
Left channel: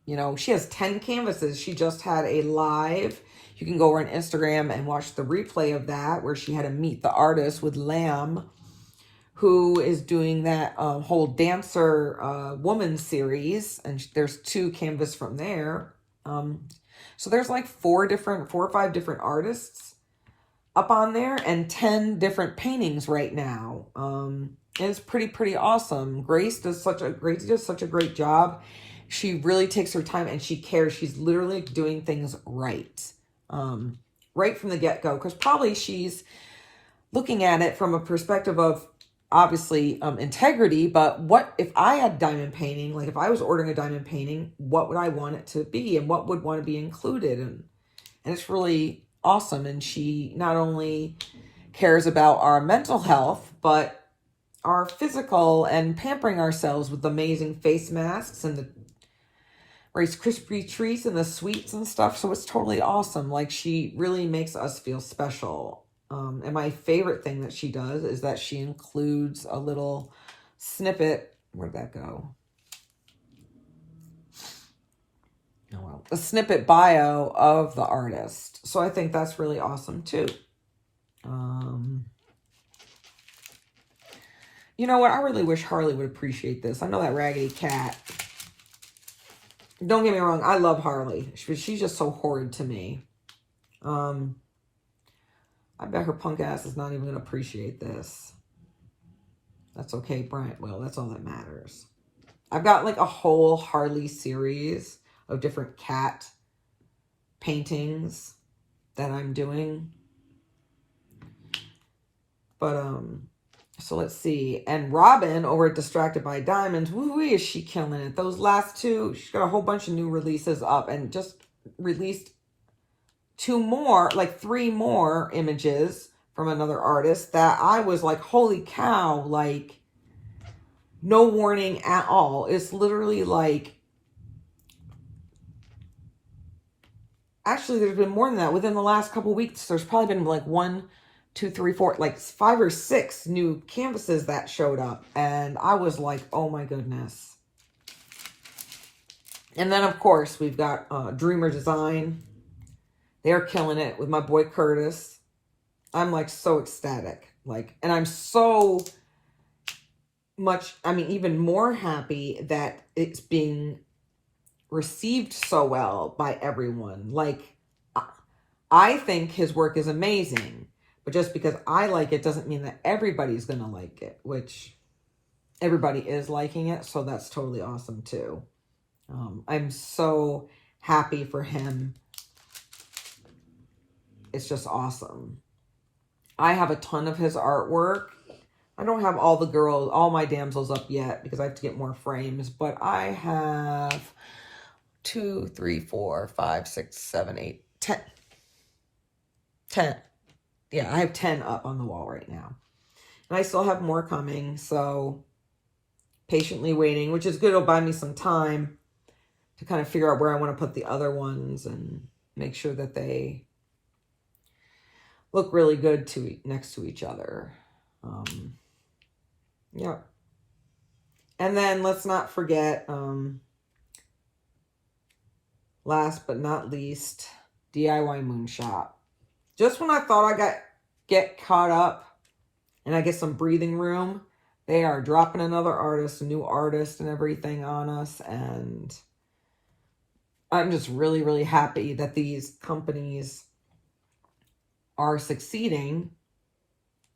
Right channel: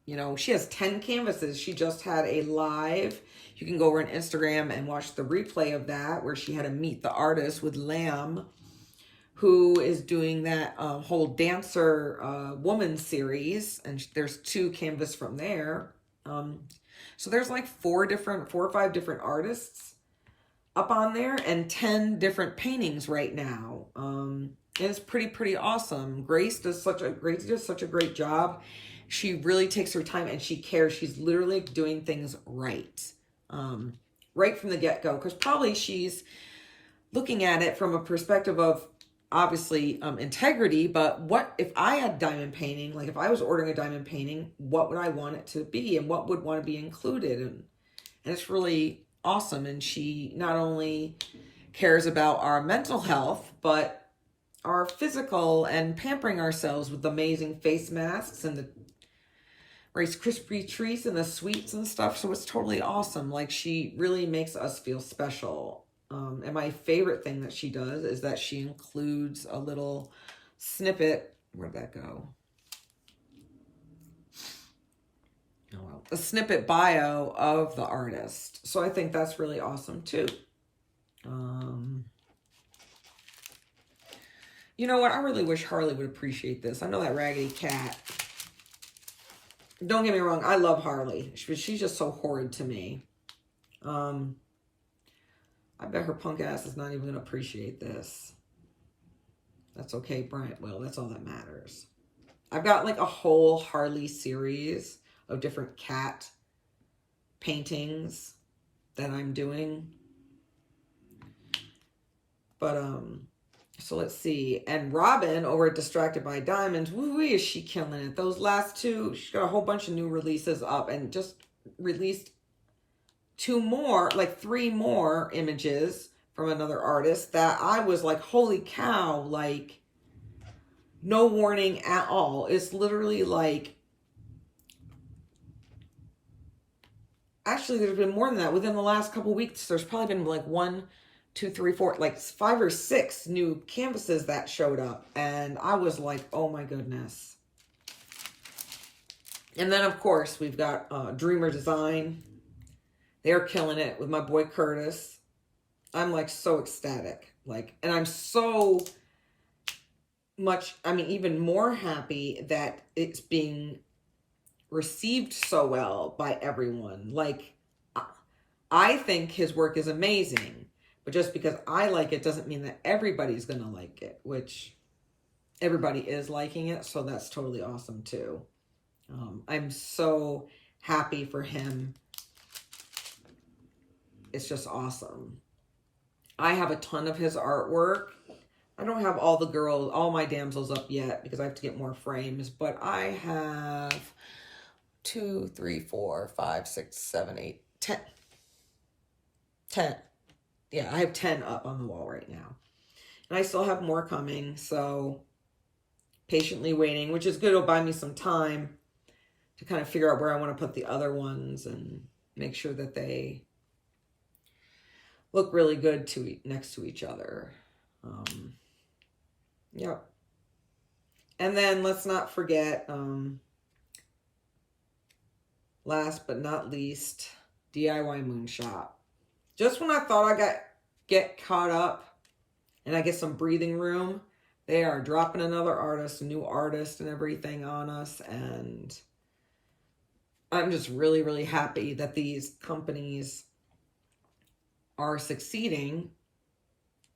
you know, she has 10 canvases. She just had a live. You can go over on Instagram and watch the replay of that, where she had to meet the artist with Lamb, who is doing that whole dancer woman series. And there's 2 canvases from there. So there's like 4 or 5 different artists up on there and 10 different paintings right now. And it's pretty awesome. Grace does such a great job. She really takes her time and she cares. She's literally doing things right. Right from the get-go, because probably she's looking at it from a perspective of obviously integrity, but what if I had diamond painting, like if I was ordering a diamond painting, what would I want it to be and what would want to be included? And it's really awesome. And she not only cares about our mental health, but our physical, and pampering ourselves with amazing face masks and the Rice Krispie treats and the sweets and stuff. So it's totally awesome. Like, she really makes us feel special. And my favorite thing that she does is that she includes a little snippet. Where'd that go? Oh, well, a snippet bio of the artist. So I think that's really awesome too. You know what? I really wish Harley would appreciate this. I know that Raggedy Cat. Don't get me wrong, I love Harley. She's just so horrid to me. I bet her punk ass is not even going to appreciate this. That's okay, Brent. Well, that's all that matters. I've got like a whole Harley series of different cat paintings that I'm doing. But, so let's see. And Robin over at Distracted by Diamonds, woo, is she killing it. Those last 2, she's got a whole bunch of new releases up and just released 3 more images from another artist that I was like, holy cow, like no warning at all. It's literally like, actually there's been more than that. Within the last couple weeks, there's probably been like 1, 2, 3, 4, like 5 or 6 new canvases that showed up. And I was like, oh my goodness. And then of course we've got Dreamer Design. They're killing it with my boy Curtis. I'm like so ecstatic. Like, and I'm so even more happy that it's being received so well by everyone. Like, I think his work is amazing, but just because I like it doesn't mean that everybody's going to like it, which everybody is liking it. So that's totally awesome too. I'm so happy for him. It's just awesome. I have a ton of his artwork. I don't have all my damsels up yet because I have to get more frames, but I have 2, 3, 4, 5, 6, 7, 8, 10. 10. Yeah, I have 10 up on the wall right now. And I still have more coming, so patiently waiting, which is good. It'll buy me some time to kind of figure out where I want to put the other ones and make sure that they look really good next to each other. Yeah. And then let's not forget, last but not least, DIY Moon Shop. Just when I thought I get caught up and I get some breathing room, they are dropping another artist, a new artist and everything on us. And I'm just really, really happy that these companies are succeeding,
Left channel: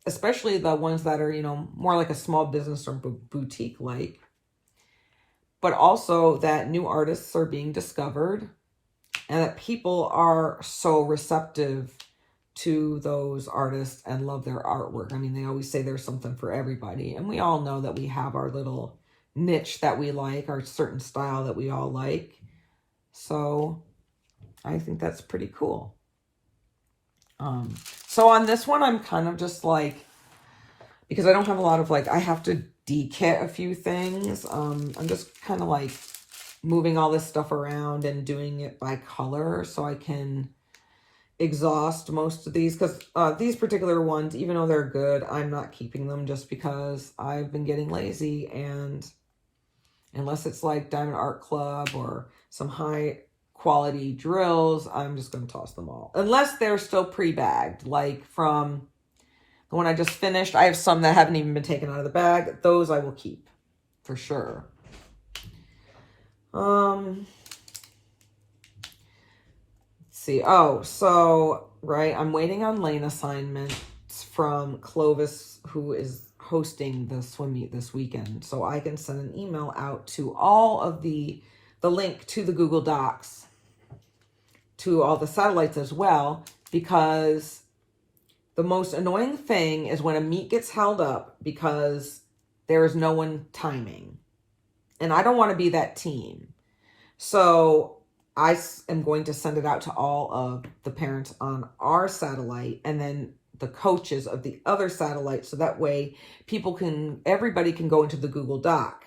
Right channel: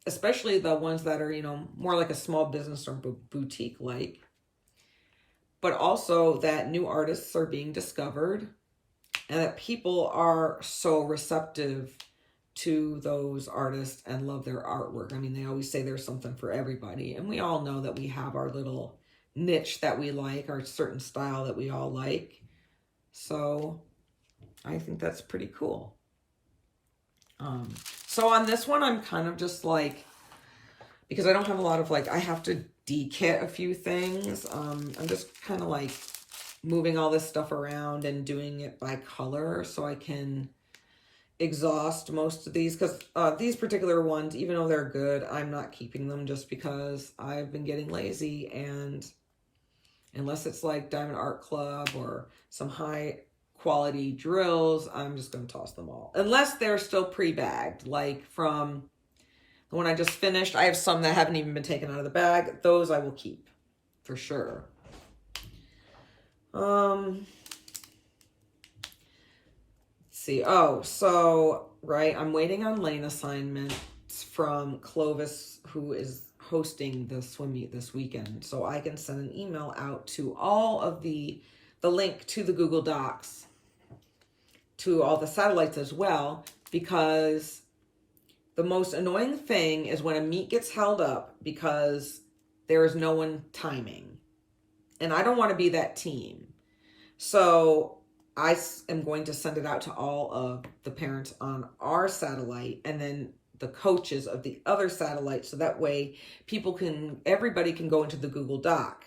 especially the ones that are, more like a small business or boutique like, but also that new artists are being discovered and that people are so receptive to those artists and love their artwork. I mean, they always say there's something for everybody, and we all know that we have our little niche that we like, our certain style that we all like. So I think that's pretty cool. So on this one, I'm kind of just like, because I don't have a lot of I have to de-kit a few things. I'm just kind of like moving all this stuff around and doing it by color so I can exhaust most of these, because these particular ones, even though they're good, I'm not keeping them just because I've been getting lazy, and unless it's like Diamond Art Club or some high quality drills, I'm just going to toss them all, unless they're still pre-bagged. Like from the one I just finished, I have some that haven't even been taken out of the bag. Those I will keep for sure. See. Oh, so, right, I'm waiting on lane assignments from Clovis, who is hosting the swim meet this weekend, so I can send an email out to all of the link to the Google Docs to all the satellites as well, because the most annoying thing is when a meet gets held up because there is no one timing, and I don't want to be that team. So I am going to send it out to all of the parents on our satellite and then the coaches of the other satellite. So that way everybody can go into the Google Doc.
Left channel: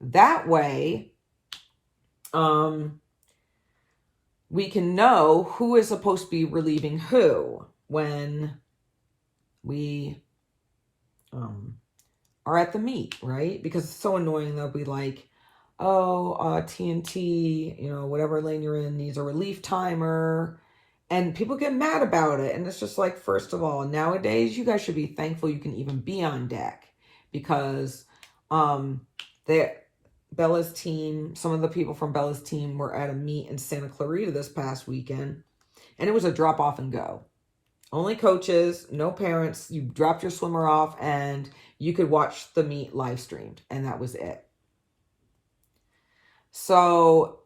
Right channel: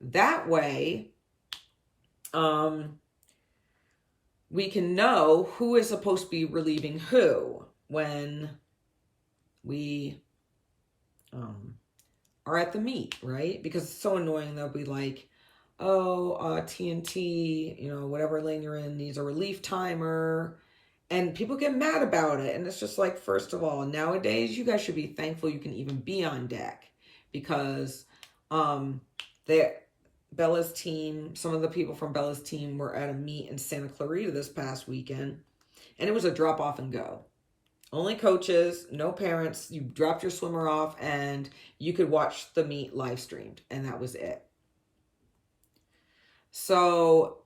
That way, we can know who is supposed to be relieving who when we are at the meet, right? Because it's so annoying. They'll be like, TNT, whatever lane you're in needs a relief timer, and people get mad about it. And it's just like, first of all, nowadays you guys should be thankful you can even be on deck, because Bella's team, some of the people from Bella's team were at a meet in Santa Clarita this past weekend, and it was a drop off and go. Only coaches, no parents. You dropped your swimmer off and you could watch the meet live streamed, and that was it. So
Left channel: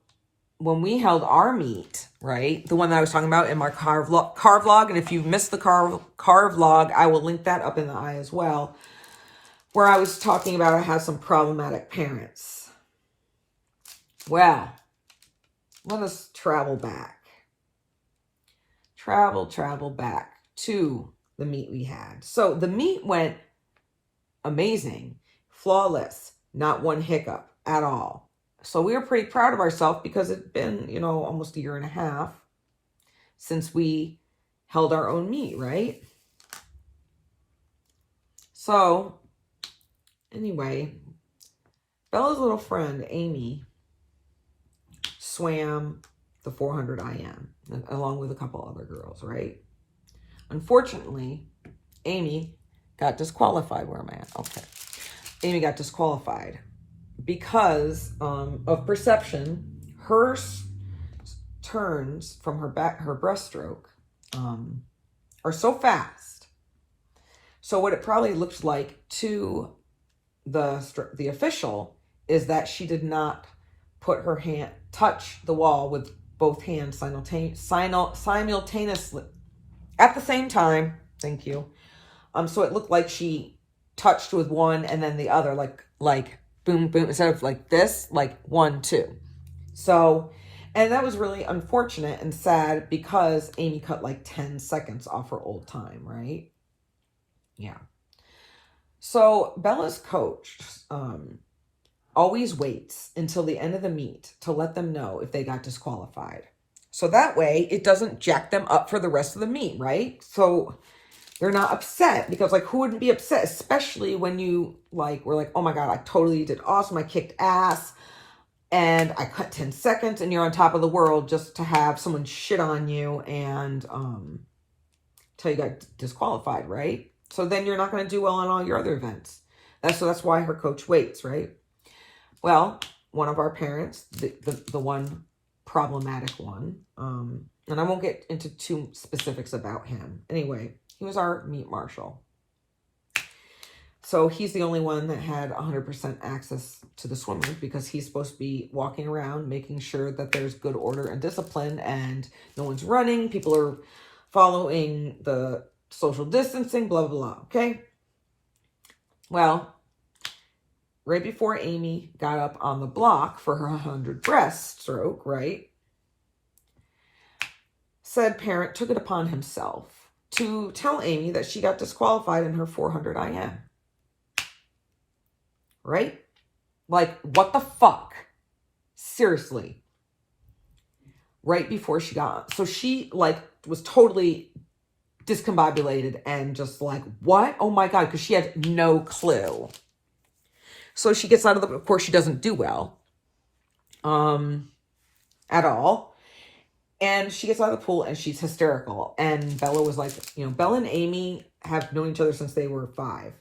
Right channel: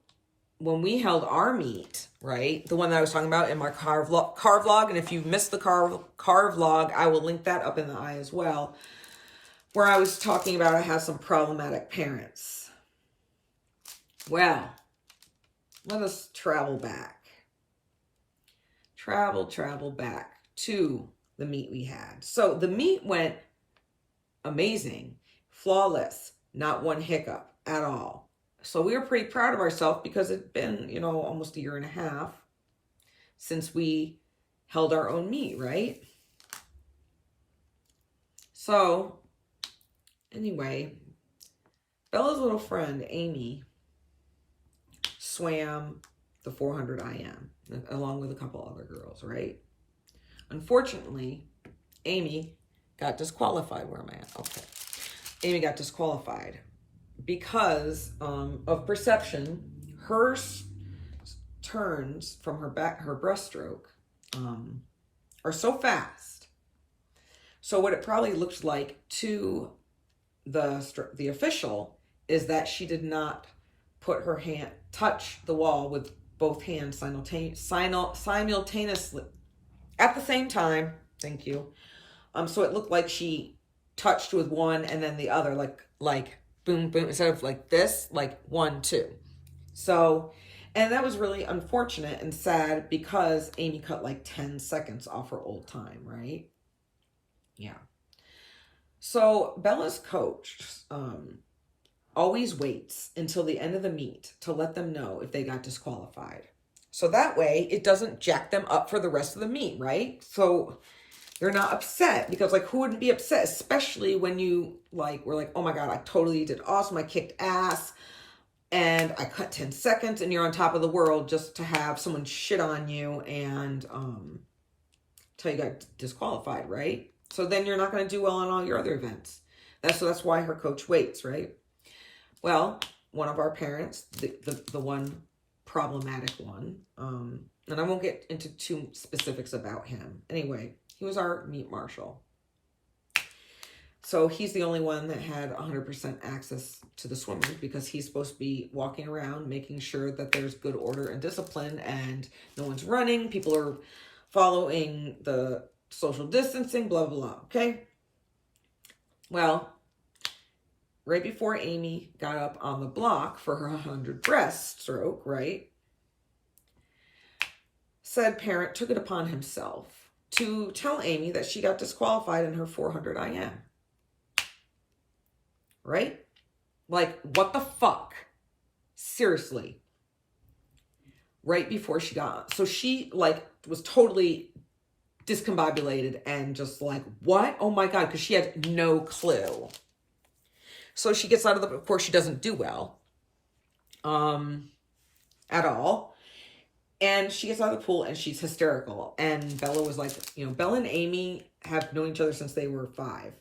when we held our meet, right, the one that I was talking about in my car vlog, and if you missed the car vlog, I will link that up in the eye as well, where I was talking about I had some problematic parents. Well, let us travel back. Travel back to the meet we had. So the meet went amazing, flawless, not one hiccup at all. So we were pretty proud of ourselves because it'd been, almost a year and a half since we held our own meet, right? So anyway, Bella's little friend, Amy, swam the 400 IM along with a couple other girls, right? Unfortunately, Amy got disqualified. Where am I at? Okay. Amy got disqualified because of perception. Her turns from her breaststroke are so fast. So what it probably looks like to the official is that she did not touch the wall with both hands simultaneously at the same time. Thank you. So it looked like she touched with one and then the other, like boom, boom, instead of like this, like 1, 2. So, and that was really unfortunate and sad because Amy cut like 10 seconds off her old time, right? Yeah. So Bella's coach always waits until the end of the meet to let them know if they got disqualified. So that way it doesn't jack them up for the rest of the meet, right? So they're not upset, because like, who wouldn't be upset, especially when you were like, oh my God, I totally did awesome. I kicked ass and I cut 10 seconds and you're on top of the world, just to have someone shit on you and tell you got disqualified, right? So then you're not going to do well on all your other events. That's why her coach waits, right? Well, one of our parents, the one problematic one, and I won't get into too specifics about him. Anyway, he was our meet marshal. So he's the only one that had 100% access to the swimmers, because he's supposed to be walking around making sure that there's good order and discipline and no one's running. People are following the social distancing, blah, blah, blah. Okay. Well, right before Amy got up on the block for her 100 breaststroke, right? Said parent took it upon himself to tell Amy that she got disqualified in her 400 IM. Right? Like, what the fuck? Seriously. Right before she got, so she was totally discombobulated and just like, what? Oh my God, because she had no clue. So she gets out of of course she doesn't do well at all. And she gets out of the pool and she's hysterical. And Bella was like, Bella and Amy have known each other since they were 5.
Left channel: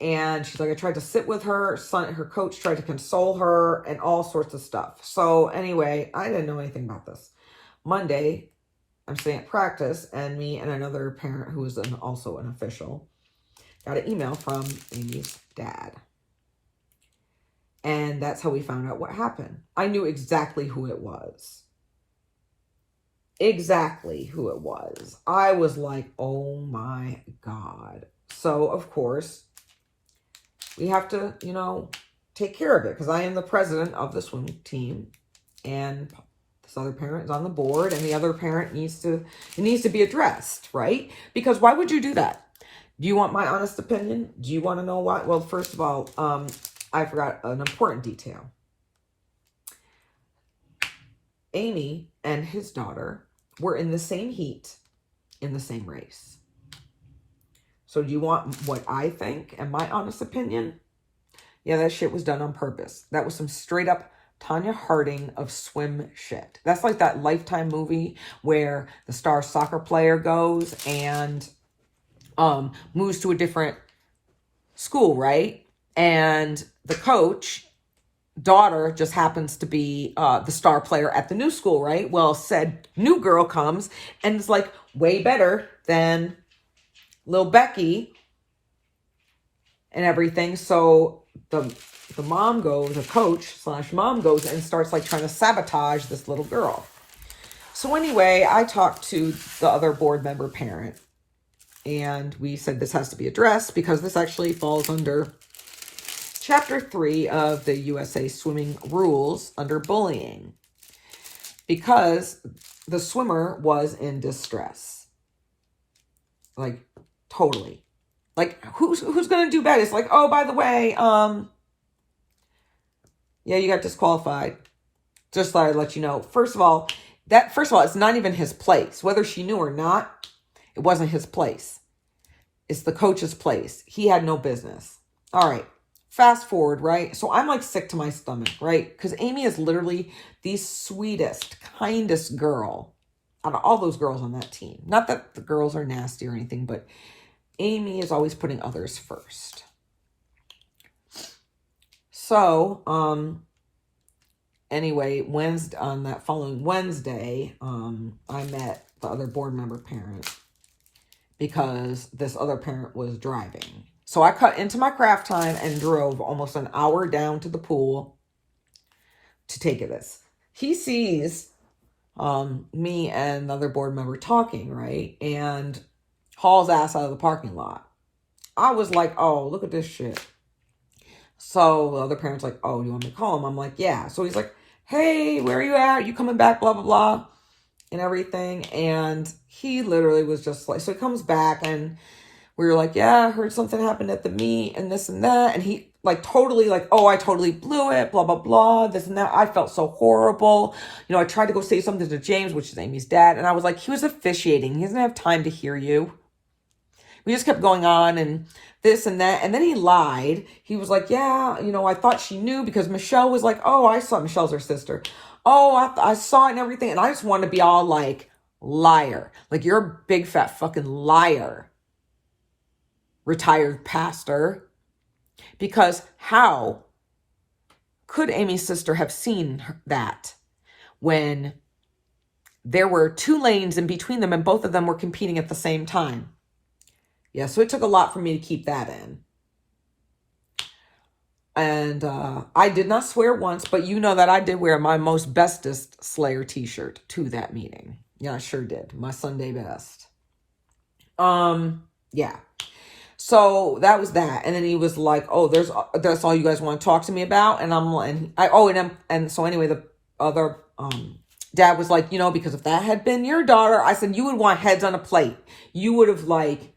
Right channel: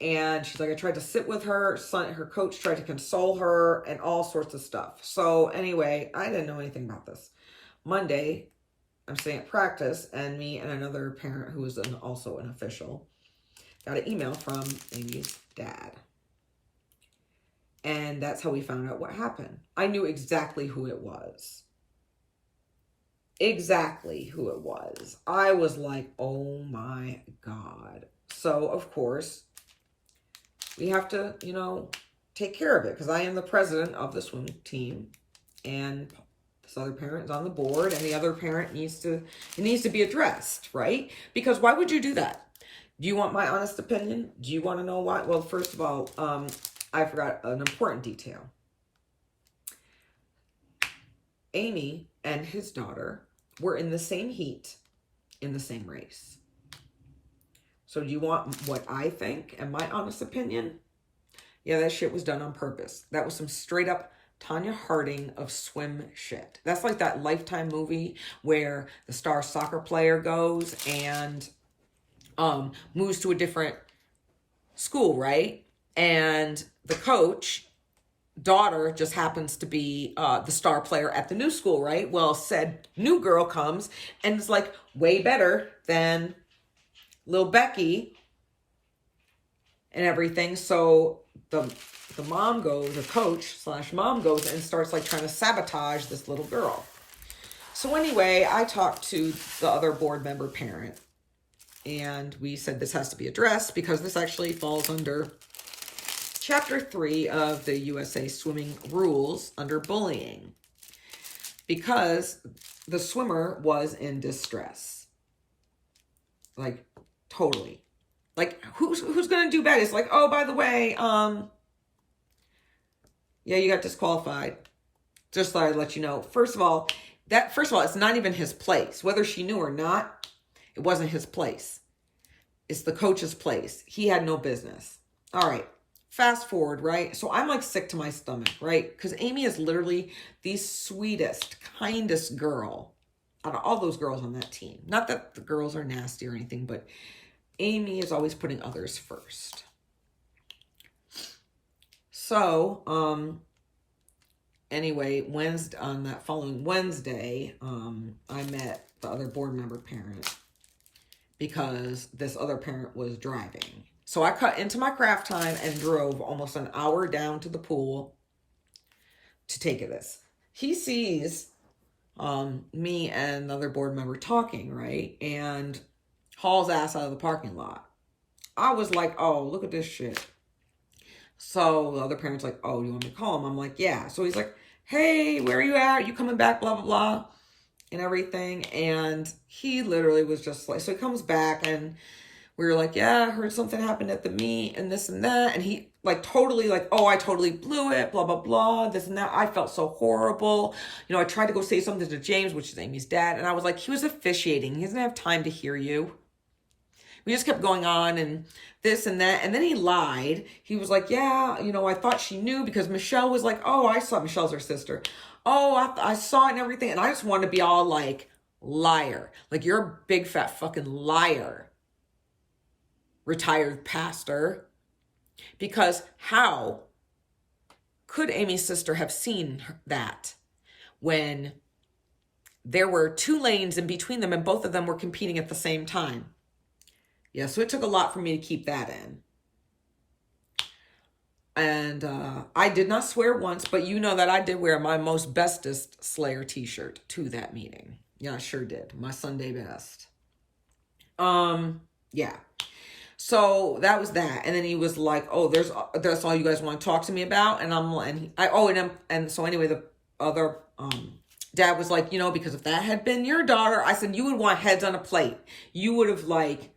And she's like, I tried to sit with her. Her coach tried to console her and all sorts of stuff. So anyway, I didn't know anything about this. Monday, I'm sitting at practice, and me and another parent who was also an official got an email from Amy's dad. And that's how we found out what happened. I knew exactly who it was. Exactly who it was. I was like, oh my God. So, of course, we have to, take care of it, because I am the president of the swim team, and this other parent is on the board, and the other parent needs to be addressed, right? Because why would you do that? Do you want my honest opinion? Do you want to know why? Well, first of all, I forgot an important detail. Amy and his daughter were in the same heat in the same race. So do you want what I think and my honest opinion? Yeah, that shit was done on purpose. That was some straight up Tanya Harding of swim shit. That's like that Lifetime movie where the star soccer player goes and moves to a different school, right? And the coach daughter just happens to be the star player at the new school, right? Well, said new girl comes and is like way better than Lil Becky and everything. So the coach/mom goes and starts trying to sabotage this little girl. So anyway, I talked to the other board member parent, and we said this has to be addressed, because this actually falls under Chapter 3 of the USA Swimming Rules under bullying, because the swimmer was in distress. Totally. Who's going to do bad? It's like, oh, by the way, yeah, you got disqualified. Just thought I'd let you know. First of all, it's not even his place. Whether she knew or not, it wasn't his place. It's the coach's place. He had no business. All right. Fast forward, right? So I'm sick to my stomach, right? Because Amy is literally the sweetest, kindest girl out of all those girls on that team. Not that the girls are nasty or anything, but Amy is always putting others first. So, anyway, on that following Wednesday, I met the other board member parent because this other parent was driving. So I cut into my craft time and drove almost an hour down to the pool to take this. He sees me and the other board member talking, right? And hauls ass out of the parking lot. I was like, oh, look at this shit. So the other parent's like, oh, you want me to call him? I'm like, yeah. So he's like, hey, where are you at? You coming back? Blah, blah, blah. And everything. And he literally was just like, so he comes back and we were like, yeah, I heard something happened at the meet and this and that. And he like totally like, oh, I totally blew it, blah, blah, blah, this and that. I felt so horrible. You know, I tried to go say something to James, which is Amy's dad. And I was like, he was officiating. He doesn't have time to hear you. We just kept going on and this and that. And then he lied. He was like, yeah, you know, I thought she knew because Michelle was like, oh, I saw, Michelle's her sister. Oh, I saw it and everything. And I just wanted to be all like, liar. Like, you're a big fat fucking liar. Retired pastor. Because how could Amy's sister have seen that when there were 2 lanes in between them and both of them were competing at the same time? Yeah, so it took a lot for me to keep that in. And I did not swear once, but you know that I did wear my most bestest Slayer t-shirt to that meeting. Yeah, I sure did. My Sunday best. Yeah. So that was that. And then he was like, oh, that's all you guys want to talk to me about? And I'm like, and so anyway, the other dad was like, you know, because if that had been your daughter, I said, you would want heads on a plate. You would have like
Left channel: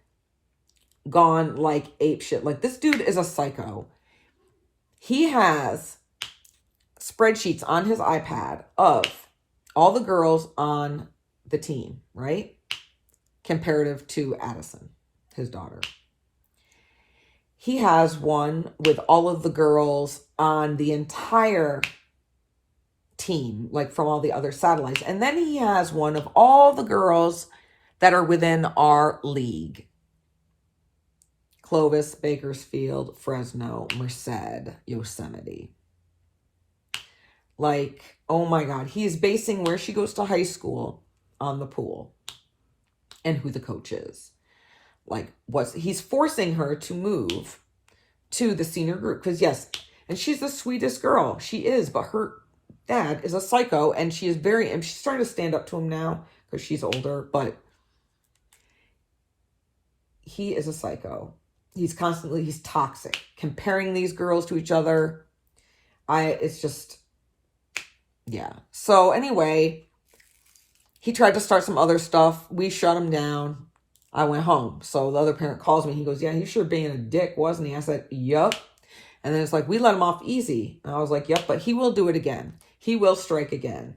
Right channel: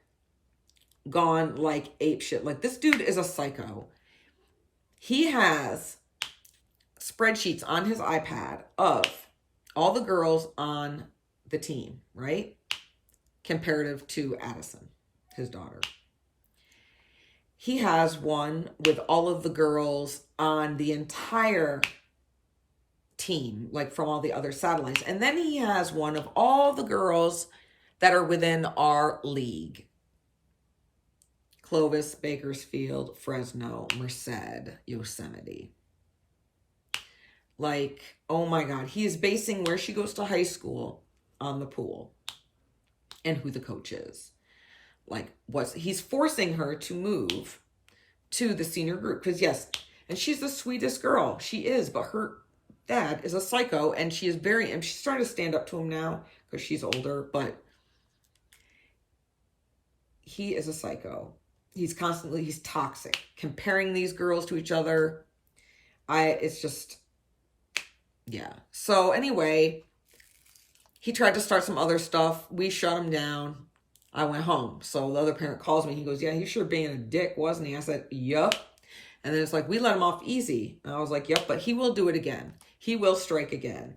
gone like ape shit. Like, this dude is a psycho. He has spreadsheets on his iPad of all the girls on the team, right? Comparative to Addison, his daughter. He has one with all of the girls on the entire team, like from all the other satellites. And then he has one of all the girls that are within our league. Clovis, Bakersfield, Fresno, Merced, Yosemite. Like, oh my God. He is basing where she goes to high school on the pool and who the coach is. Like, he's forcing her to move to the senior group. Because yes, and she's the sweetest girl. She is, but her dad is a psycho. And she is and she's starting to stand up to him now because she's older. But he is a psycho. He's toxic. Comparing these girls to each other. It's just, yeah. So anyway, he tried to start some other stuff. We shut him down. I went home. So the other parent calls me. He goes, yeah, he's sure being a dick, wasn't he? I said, yup. And then it's like, we let him off easy. And I was like, yep, but he will do it again. He will strike again.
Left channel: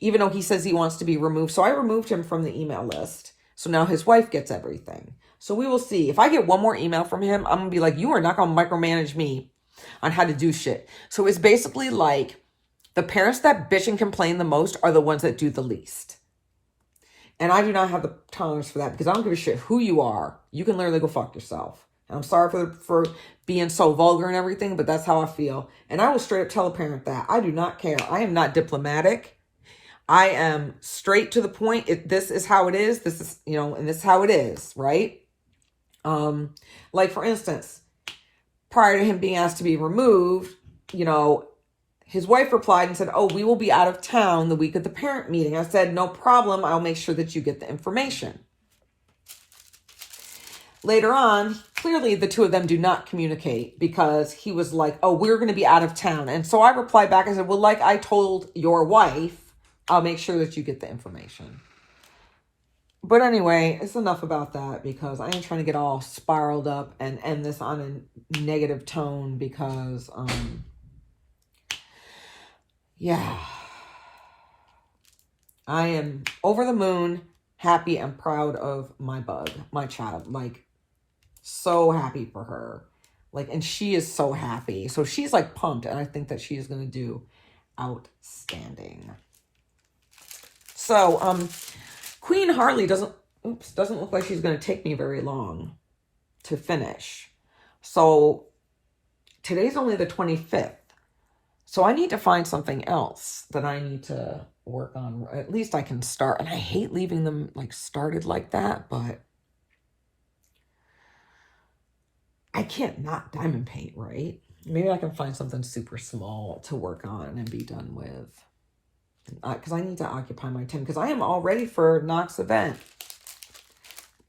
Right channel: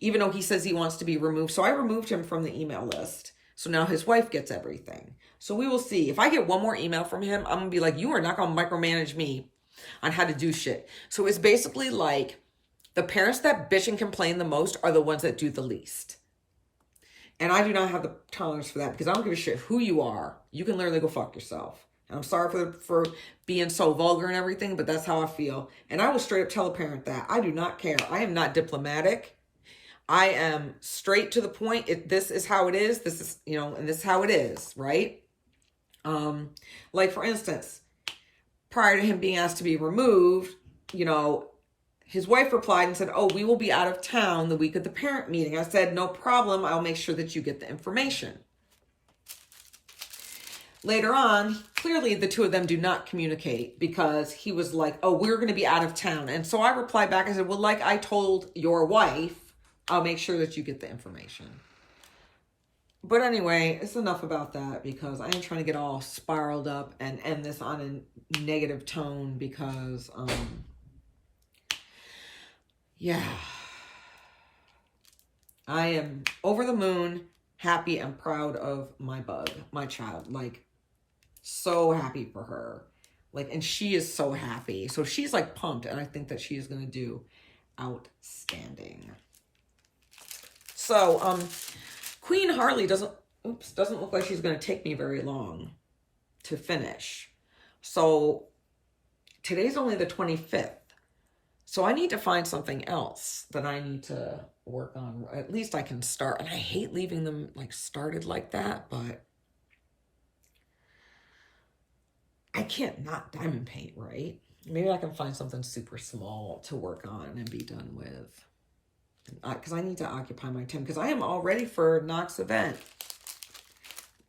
Even though he says he wants to be removed. So I removed him from the email list. So now his wife gets everything. So we will see. If I get one more email from him, I'm going to be like, you are not going to micromanage me on how to do shit. So it's basically like the parents that bitch and complain the most are the ones that do the least. And I do not have the tolerance for that because I don't give a shit who you are. You can literally go fuck yourself. And I'm sorry for being so vulgar and everything, but that's how I feel. And I will straight up tell a parent that. I do not care. I am not diplomatic. I am straight to the point. This is how it is. This is, you know, and this is how it is, right? Like for instance, prior to him being asked to be removed, you know, his wife replied and said, oh, we will be out of town the week of the parent meeting. I said, no problem. I'll make sure that you get the information. Later on, clearly the two of them do not communicate because he was like, oh, we're going to be out of town. And so I replied back. I said, well, like I told your wife, I'll make sure that you get the information. But anyway, it's enough about that because I ain't trying to get all spiraled up and end this on a negative tone because, yeah, I am over the moon, happy and proud of my bug, my child, like so happy for her. Like, and she is so happy. So she's like pumped and I think that she is going to do outstanding. So, Queen Harley doesn't look like she's going to take me very long to finish. So today's only the 25th. So I need to find something else that I need to work on. At least I can start. And I hate leaving them like started like that, but I can't not diamond paint, right? Maybe I can find something super small to work on and be done with. Because I need to occupy my time. Because I am all ready for Knox event.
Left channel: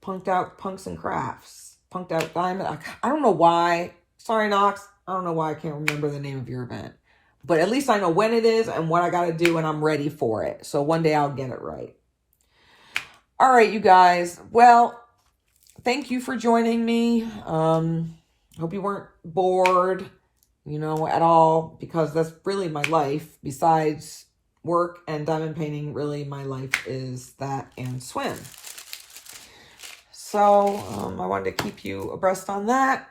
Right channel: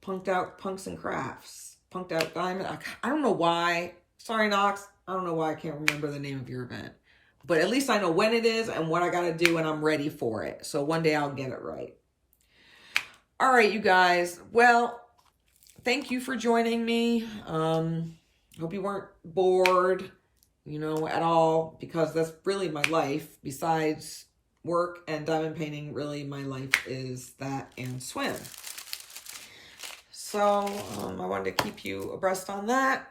Punked Out Punks and Crafts. Punked Out Diamond. I don't know why. Sorry, Knox. I don't know why I can't remember the name of your event. But at least I know when it is and what I got to do, and I'm ready for it. So one day I'll get it right. All right, you guys. Well, thank you for joining me. Hope you weren't bored, you know, at all, because that's really my life. Besides work and diamond painting, really my life is that and swim. So I wanted to keep you abreast on that.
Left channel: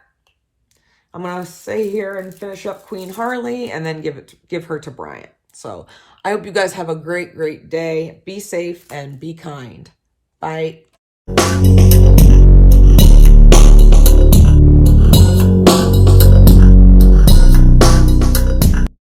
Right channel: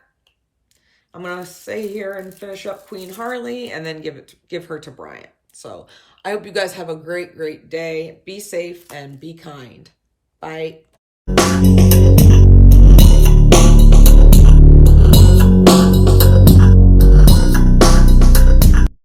I'm going to stay here and finish up Queen Harley and then give her to Brian. So I hope you guys have a great, great day. Be safe and be kind. Bye.